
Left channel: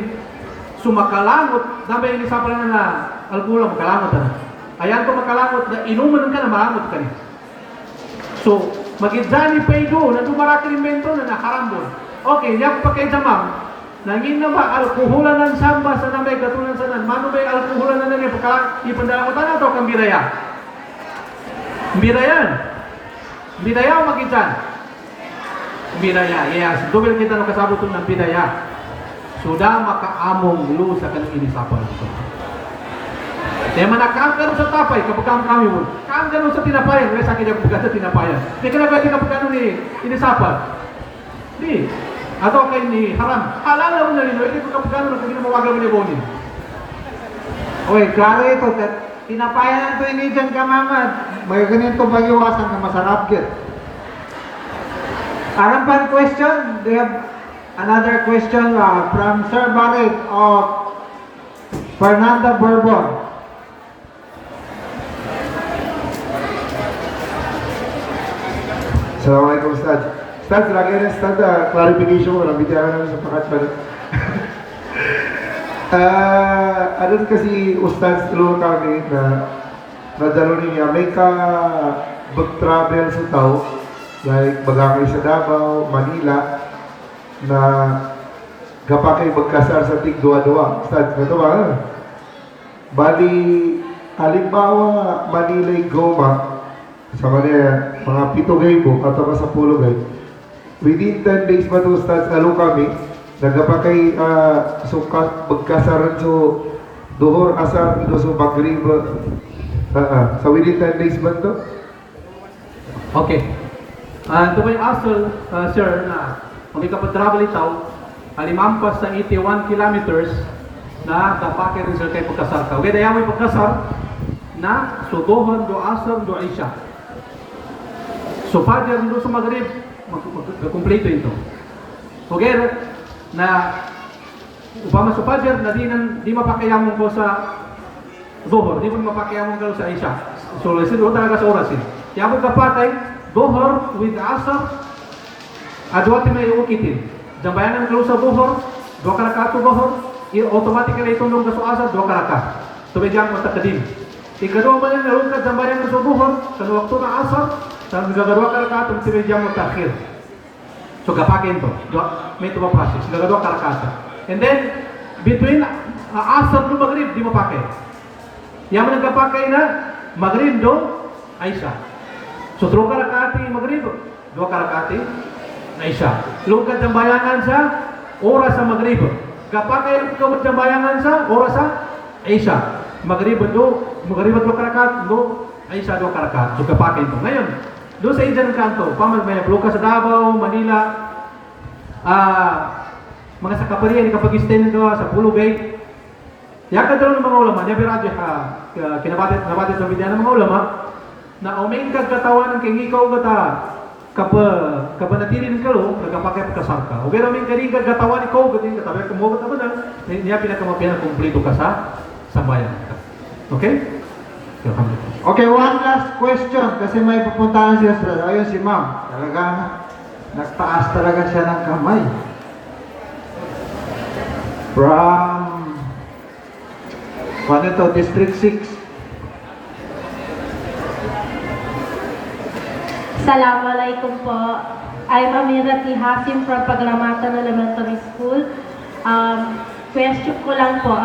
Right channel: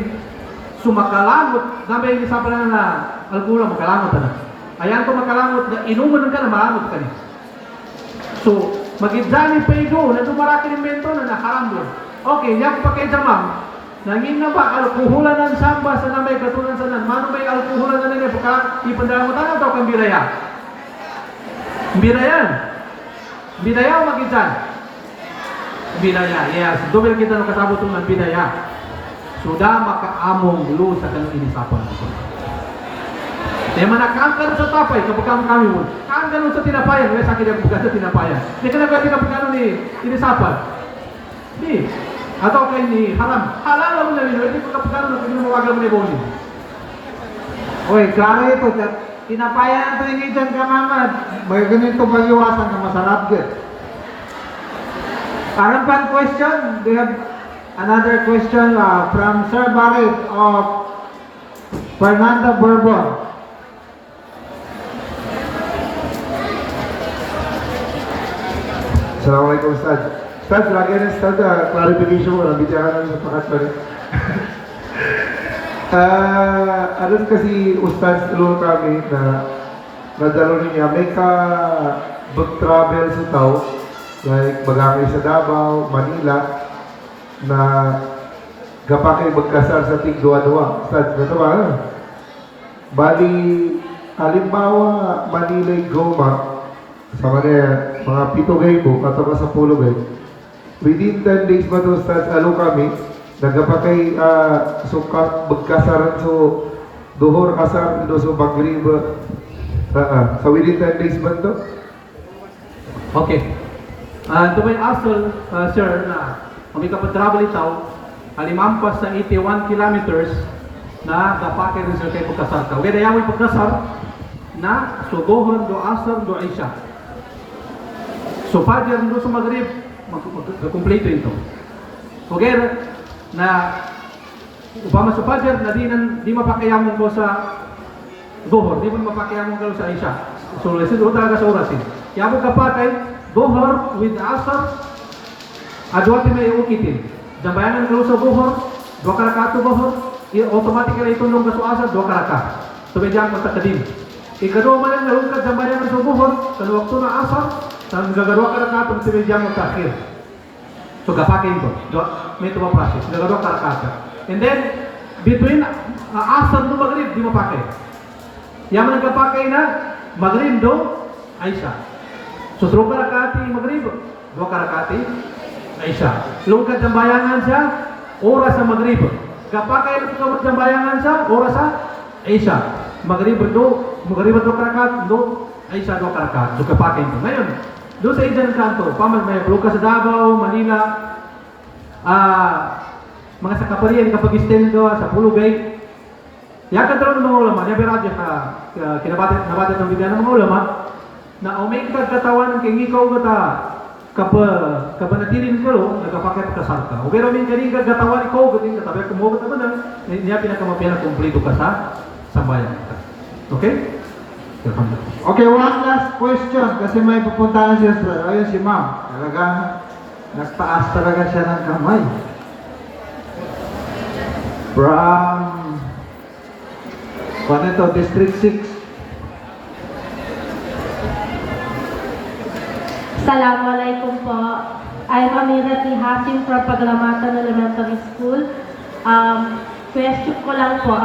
sumakalamot na may inisapal na alcohol, makalamot na. Kaya ito makalamot na inuman ka na malamot ka niya. So, magidjani pego na dumaraki ng mento na nakaram doon. Okay, niya pa kayo sa ma'am. Nangin na ba, alkoholan ng samba sa namay katunan sa nan. Mano ba yung alkoholan na niya pagka ipandala mo tayo ito kang biraya? Birayan. Biraya o magidjan? Biraya, yes. Duwil kita nung kasabot ng biraya. Sudah makaamong lu sa kanyang inisapang ito. Kaya manakam ka sa tapay, kapag kami mo. Kaam ka sa tinapayan, kaya sa kanya kapag sa tinapayan. Hindi ka na pwede kapag ni inisapan. Di. Atau kayo ni haram. Halala mo na rin, hindi ko kapag na kami mo wagam ni Bonin. Okay, klaro ito. Tinapayan natin yung dyan ka, Mamad. May ganito pag-iwasan na masarap yun. Harapan question. Do you have another question from Sir Barret of Fernanda Bourbon? Assalamualaikum Ustaz. Ustaz, lagi ni Ustaz clarification mo lang, bitiyakan namin sa pakat pa rin. Ada kasi Ustaz tulong kami na nadalo niya, may ka travel sa tao, like bagangay sa Davao, Manila, na gapakay magkasar sa tig-duwa-duwa. Ustaz, ito ba? Bali, halimbawa, Manila'y Goma, sa mga 7 gay po, pataka sa 10 gay. Within 10 days ba ito, Ustaz, lalo kami, nagapakay sukat magkasaran so duhor asar do so magrib sa within 10 days ba to? Okay. Ito may asal, sir, na kung ikapatravel itaw, halimampas sa 81 kilometers na dapake rin sir kay pagkasar ka. Okay, dayawan pagkasar na sudohon do asar do isya. So, Fajr do sa Maghrib, kompleto ito. Okay, na upama sa Fajr na di mapakayamon ko sa Zuhur, di mo mapakayamon ko sa Isya. So, lesin o talaga sa orasin. Kaya mo kapatay, Zuhur with Asr, adwa ti may ukitin. Jambayanan mo sa Zuhur, 2 karakato Zuhur, automatically itulong ka sa Asr, 2 karaka. Tumedyan mo takadim. Ikadwa man lang narungkad jambayanan mo sa Zuhur, kanuwakto na Asr, sa gagawa karakato, tumedyan mo takhir. So, kapakin to. May ito process. Gagawa karakata. And then, between Asr no Maghrib, di mo pakay. Yang nagkapakay na Maghrib do Aisha. So, 3 karakati Maghrib, 2 karakati Aisha. Lugad ng bayangan sa oras sa Maghrib. Kapakay lugad ng bayangan sa oras sa Aisha. Maghrib do 2 karakat do Aisha 2 karakat. So, kapakay ito. Ngayon, doon sa Indian kanto, pamag may Lucas sa Davao, Manila, mga sa Kaparian, kapag istin ito sa Pulo Bay, yakan daw ng mga ulama, niya biradyo kinabatit ng bidyan ng mga ulama, na uming kagkatawan ng kingikaw gata kapanatirin ka lo, nagkapakay pagkasar ka. O pero uming karing kagkatawan ikaw, gating katabi, kumuha ka na, niya pinakamapihan ng kumplito ka sa sambayan. Okay? Okay, one last question kasi may pupuntahan siya sa ayun si ma'am. Talaga nagtaas talaga siya ng kamay. From ano ito, District 6. Assalamualaikum po. I'm Amira T. Hasim from Pagramatan Elementary School. Question ko lang po,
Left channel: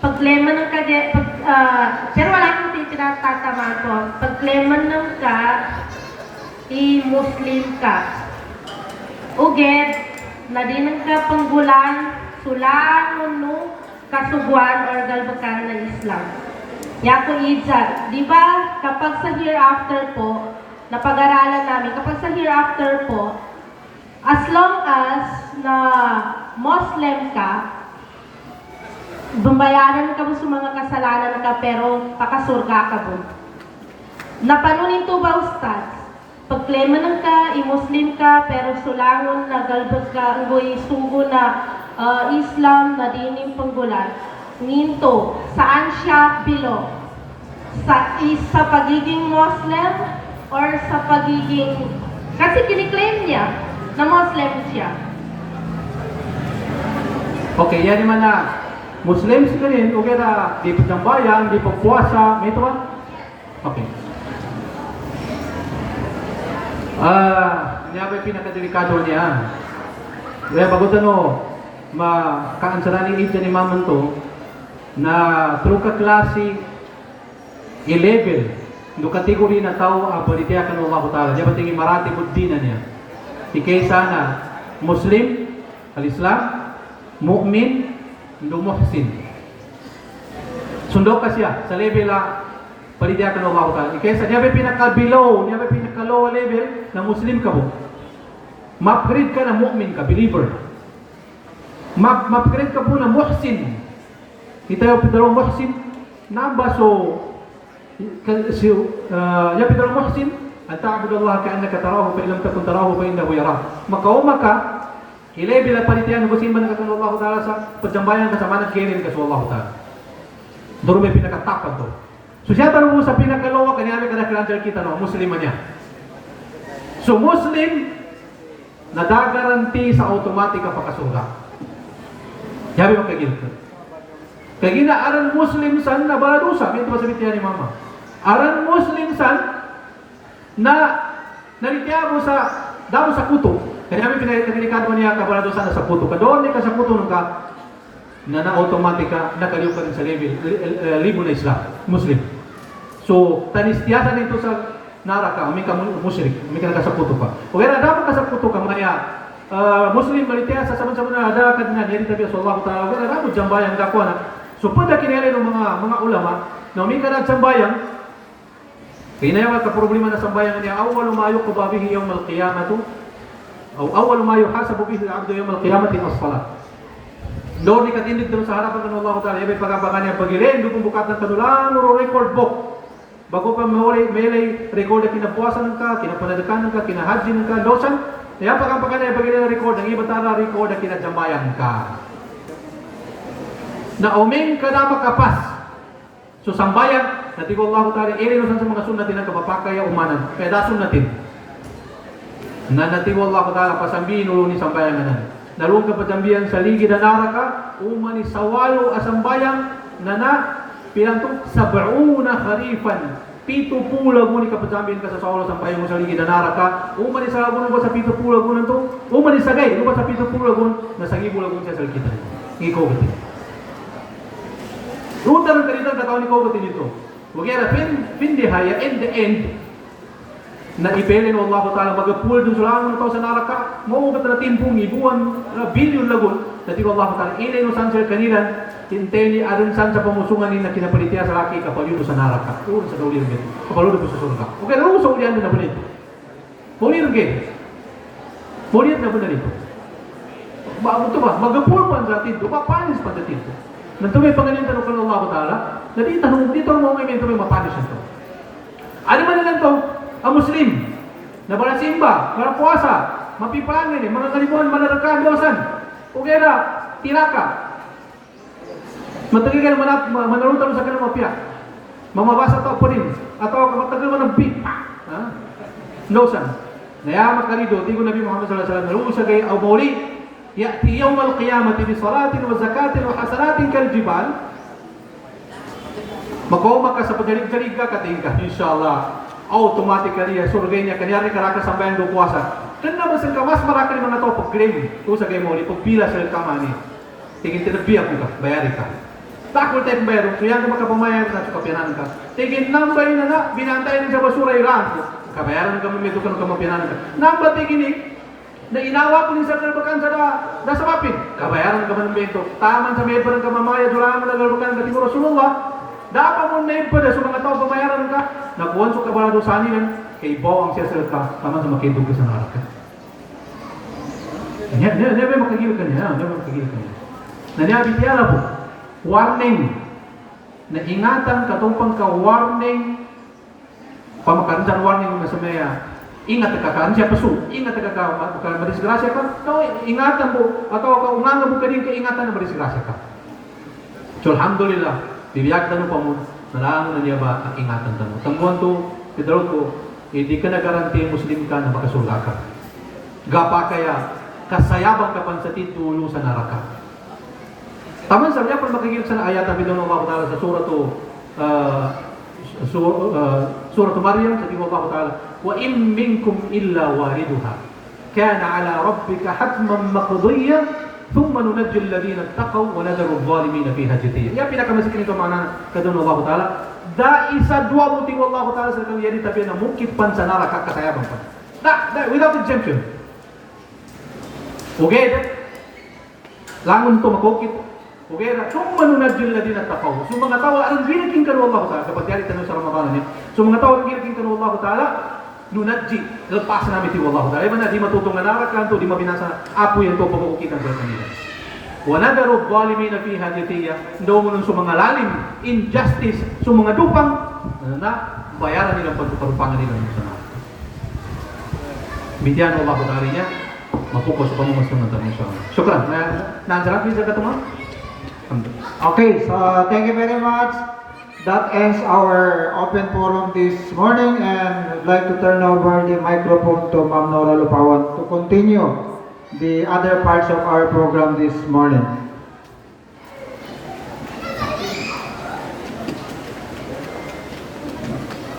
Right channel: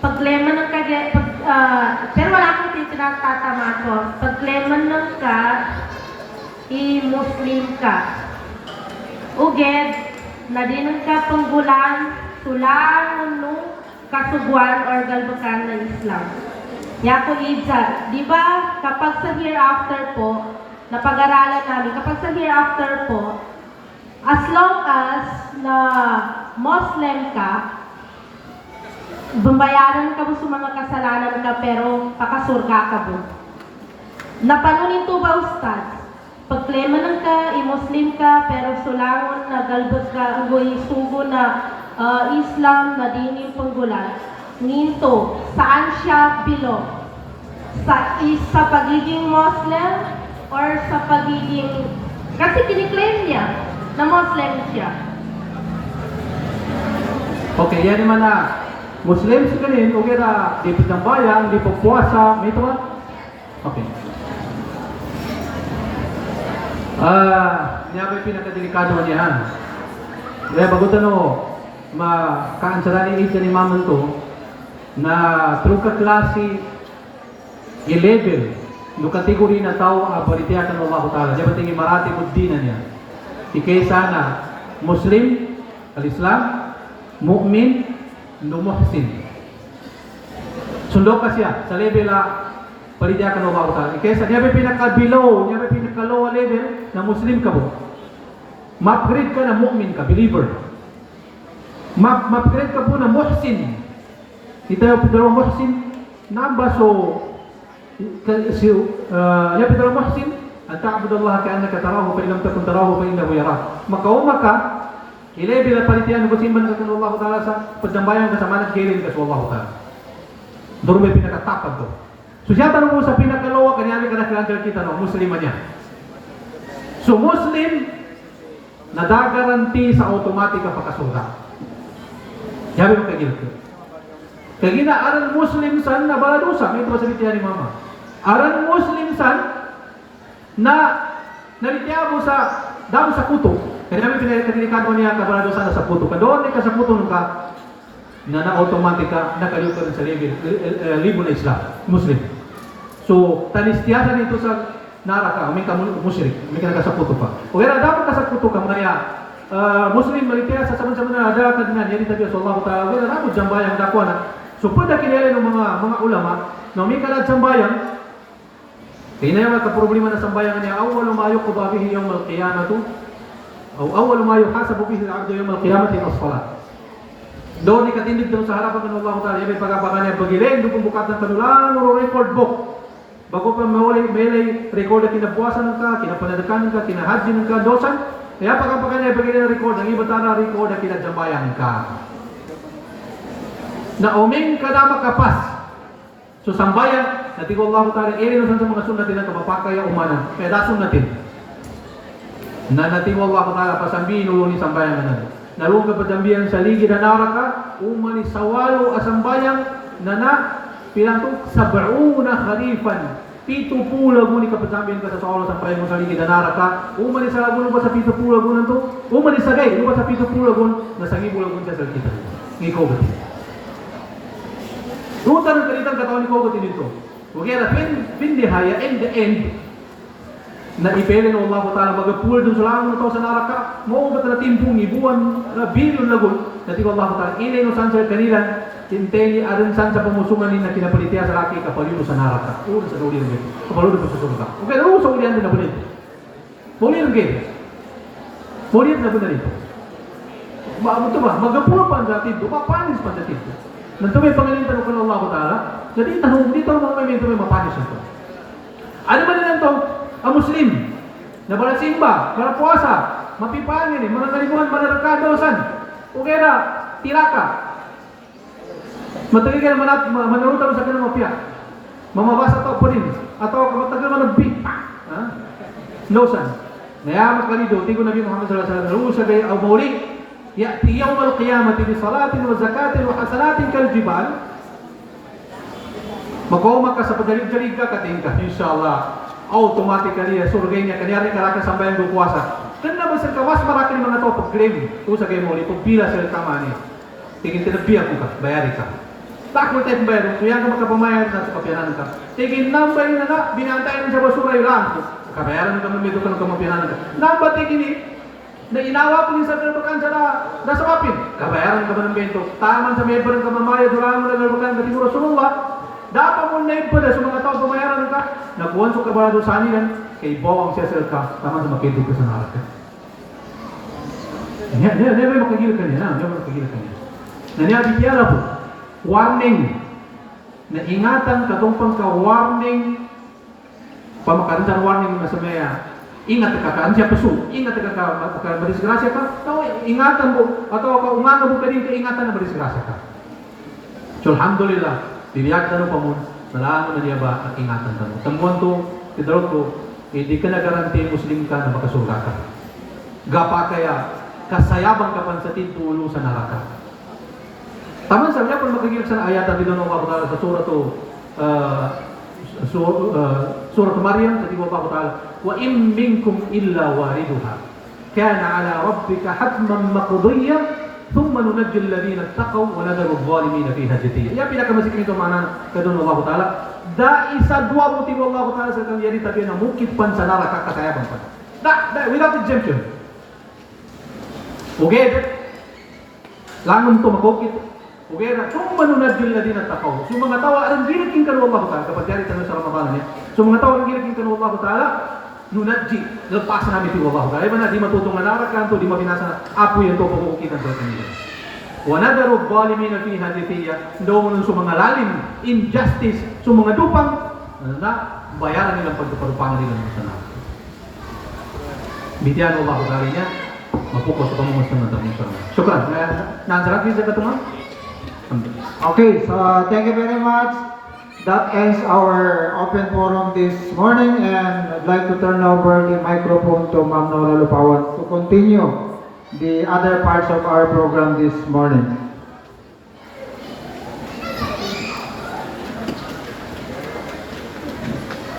pag-lemon ng pero wala akong tinatama ko. Pag-lemon ng ka, i-Muslim ka. Uged, na din ka panggulan, sulan, nung kasugwan or galbakan ng Islam. Yako Idzad, di ba kapag sa hereafter po, napag-aralan namin, kapag sa hereafter po, as long as na Muslim ka, bumbayaran ka mo sa mga kasalanan ka pero pakasurga ka mo. Napanunin to ba, Ustad? Pagklema ng ka, i-Muslim ka, pero sulangon na galbas ka, ugoy sugo na Islam na din yung panggulan. Nginto, saan siya bilo? Sa pagiging Muslim or sa pagiging... Kasi kiniklaim niya na Muslim siya. Okay, yan naman na Muslim sila rin, okay na di pitambayan, di pagpuasa, may ito ba? Okay. Niya ba pinakadelikado niya? Kaya bagutan o, makaansaraning ito ni Maman to, na through ka klase, i-level, yung kategori na tao, ang politiya ka ng makutala. Diya ba tingin marati buddhi na niya? Ikay sana, Muslim, al-Islam, mu'min, lumuhsin. Sundo ka siya sa level na palidiya ka ng makutala. Kesa niya ba pinaka-below, niya ba pinaka-low level na Muslim ka mo. Ma-upgrade ka na mu'min ka, believer. Ma-upgrade ka po na muhsin. Kita yung pinaka muhsin, namba so, niya pinaka muhsin, at ta'abudallah ka'annaka tarahu, fa ilam takun tarahu, fa innahu yarah. Makauma ka, i-level at palidiya ng kusimban ka ng Allah Ta'ala sa pagdambayan ka sa manat kilin ka sa Allah Ta'ala. Doon may pinakatapag to. So siya parang mo sa pinakalawa, kanyari ka na kilantar kita no, Muslim niya. So Muslim, nadagaranti sa automatic ang pagkasurga. Yabi mo kagil ko. Kaya ginaaran Muslim san na baladusa, may ito masabit niya ni Mama. Aran Muslim san na nalitya mo sa damo sa kuto. Kaya namin pinagdelikado niya ka baladusa na sa kuto. Kadoon ni ka sa kuto nung ka na-automatic ka, nakaliw ka rin sa libo na Islam, Muslim. So, tanistiyasan dito sa nara ka, may ka musyrik, may ka nakasaputo ka. O kaya dapat kasaputo ka, maya, Muslim malitia sa sama-sama na ada kadinan jadi tabi sallallahu taala wala na jambayang dakwa na. So pwede kinere ng mga ulama na may kanang jambayang pinaya ka problema na sambayang niya awwal ma yuqda bihi yawm al-qiyamah o awwal ma yuhasabu bihi al-'abdu yawm al-qiyamah as-salat. Doon ni katindig doon sa harapan ng Allah Ta'ala, may pagabakan niya pagilin, doon bukat ng kanulang record book. Bago pa may record na kinabuasan ka, kinapanadakanan ka, kinahadin ka, dosan, kaya pagabakan niya pagilin ng record, ang iba tara record na kinajambayan ka. Na uming ka na makapas. So sambayan, natigo Allah Ta'ala, ilinusan sa mga sunat na kapapakaya umanan, kaya dasun natin. Na natigo Allah Ta'ala, pasambihin ulo ni sambayan na nalung kapatambihan sa ligi na naraka, umani sawalo asambayang na pilang to, 70 kharifan, 70 lagun ni kapatambihan ka sa sawalo sambayang sa ligi na naraka, umani sa lagun ba sa 70 lagun to, umani sa gay, ba sa 70 lagun, nasa 1,000 lagun siya sa kita. Ikaw ba din? Rutan ang kalitan kataon ni Kogot dito. Huwag yan, pindihaya, in the end, na ipelin ng Allah Ta'ala magapul dun sulangon na tao sa naraka maubat na timpong ibuan na bilyon lagun na tiba Allah Ta'ala ilay no san sa kanila tinteli arin san sa pamusungan ni na kinapalitiya sa laki kapaludo sa naraka ulo sa kaulihan gito kapaludo po sa surga okay na ulo sa ulihan din na bunit kaulihan gito kaulihan na bunit ito ba magapul pa ang ratid mapanis pa ang ratid nang tumay pangalintan ng Allah Ta'ala na dito mo kami tumay mapanis ito ano man lang ito ang Muslim, na wala simba, wala puasa, mapipangin, mga kalimuhan, manarakadosan, ugera, tiraka. Matagay ka na manarutan sa kanang mapia. Mamabasa ito pa rin. Atau matagal mo ng beat. Dosan. Nayamak ka rito, tigo Nabi Muhammad sallallahu alaihi wasallam, nalusa kayo au mauli, ya'ti yawm al-qiyamati bi salatin wa zakatin wa hasanatin kal jibal. Magkoma ka sa pagalig-galig ka, kating ka, inshallah. Automatically surga niya kanyari karaka sambayan do puasa kenna basan kawas maraka ni mga to pag-claim to sa kay mo ni pagpila sa tamani tingin tinabiya ko ka bayari ka takol tayo bayar kung yan ka makapamayar na sa kapiyanan ka tingin nambay na binantayan sa basura yung lang kabayaran ka mamito ka ng kamapiyanan ka namba tingin na inawa ko ni sa kalbakan sa sapapin kabayaran ka ng bento taman sa medban ka mamaya durang mo na kalbakan ka timuro sununga dapat mo na yung pada sa mga tao pamayaran ka nakuhan sa kabala doon sa anilan, kay bawang siya sa ka, tama sa makitog ko sa naraka. May makagilip ka niya, may makagilip ka niya. Nanyabi tiyara po, warning, na ingatan katumpang ka warning, pamakaransan warning na sa maya, ingat ka ka, siya pasu, ingat ka madisgrasya ka, ingatan mo, atau ka ungan mo ka din, ingatan na madisgrasya ka. So, alhamdulillah, bibiyag tanong pa mo, nalangan na niya ba ang ingatan tanong. Tangguan to, pidarot ko, hindi ka nagaranti Muslim ka na makasurga ka. Gapa kaya, kasayabang ka pa sa titulo sa naraka. Taman sa niya, kung makikita sa ayat ang bidang Allah Ta'ala sa surat Maryam, sa tibo Allah Ta'ala, wa im minkum illa wariduha, kana ala rabbika hatman maqdiyya, ثم ننجي الذين اتقوا ونذر الظالمين فيها جثيا. Ya pinakamasik nito mana kadun Allah Ta'ala. Da isa dua buti Allah Ta'ala sa kaliyan tapi na mukit pan sa neraka kasayabang ka. Da without exemption. Okay. Langon to makukit. Okay. Thumma nunajji alladhina taqaw. So mga tawa ang ginaking kanu Allah Ta'ala kapag yari tanong sa Ramadan niya. So mga tawa ang ginaking kanu Allah Ta'ala nunadji, lepas namin ti Allah Ta'ala. Iba na di matutong na narakan to, di mabinasa na apo yan to pagkukitan sa kanila. Wa nadaru dhalimina fiha jathiya. Daw mo sa mga lalim, injustice, sa mga dupang na bayaran nilang pagkarupangan nila sa sana. Bitiyan Allah Ta'ala niya, mapukas sa pamamasunod ng sana. Syukran. Naansarat din sa katuma? Okay, so thank you very much. That ends our open forum this morning, and I'd like to turn over the microphone to Ma'am Nola Lupawan to continue the other parts of our program this morning.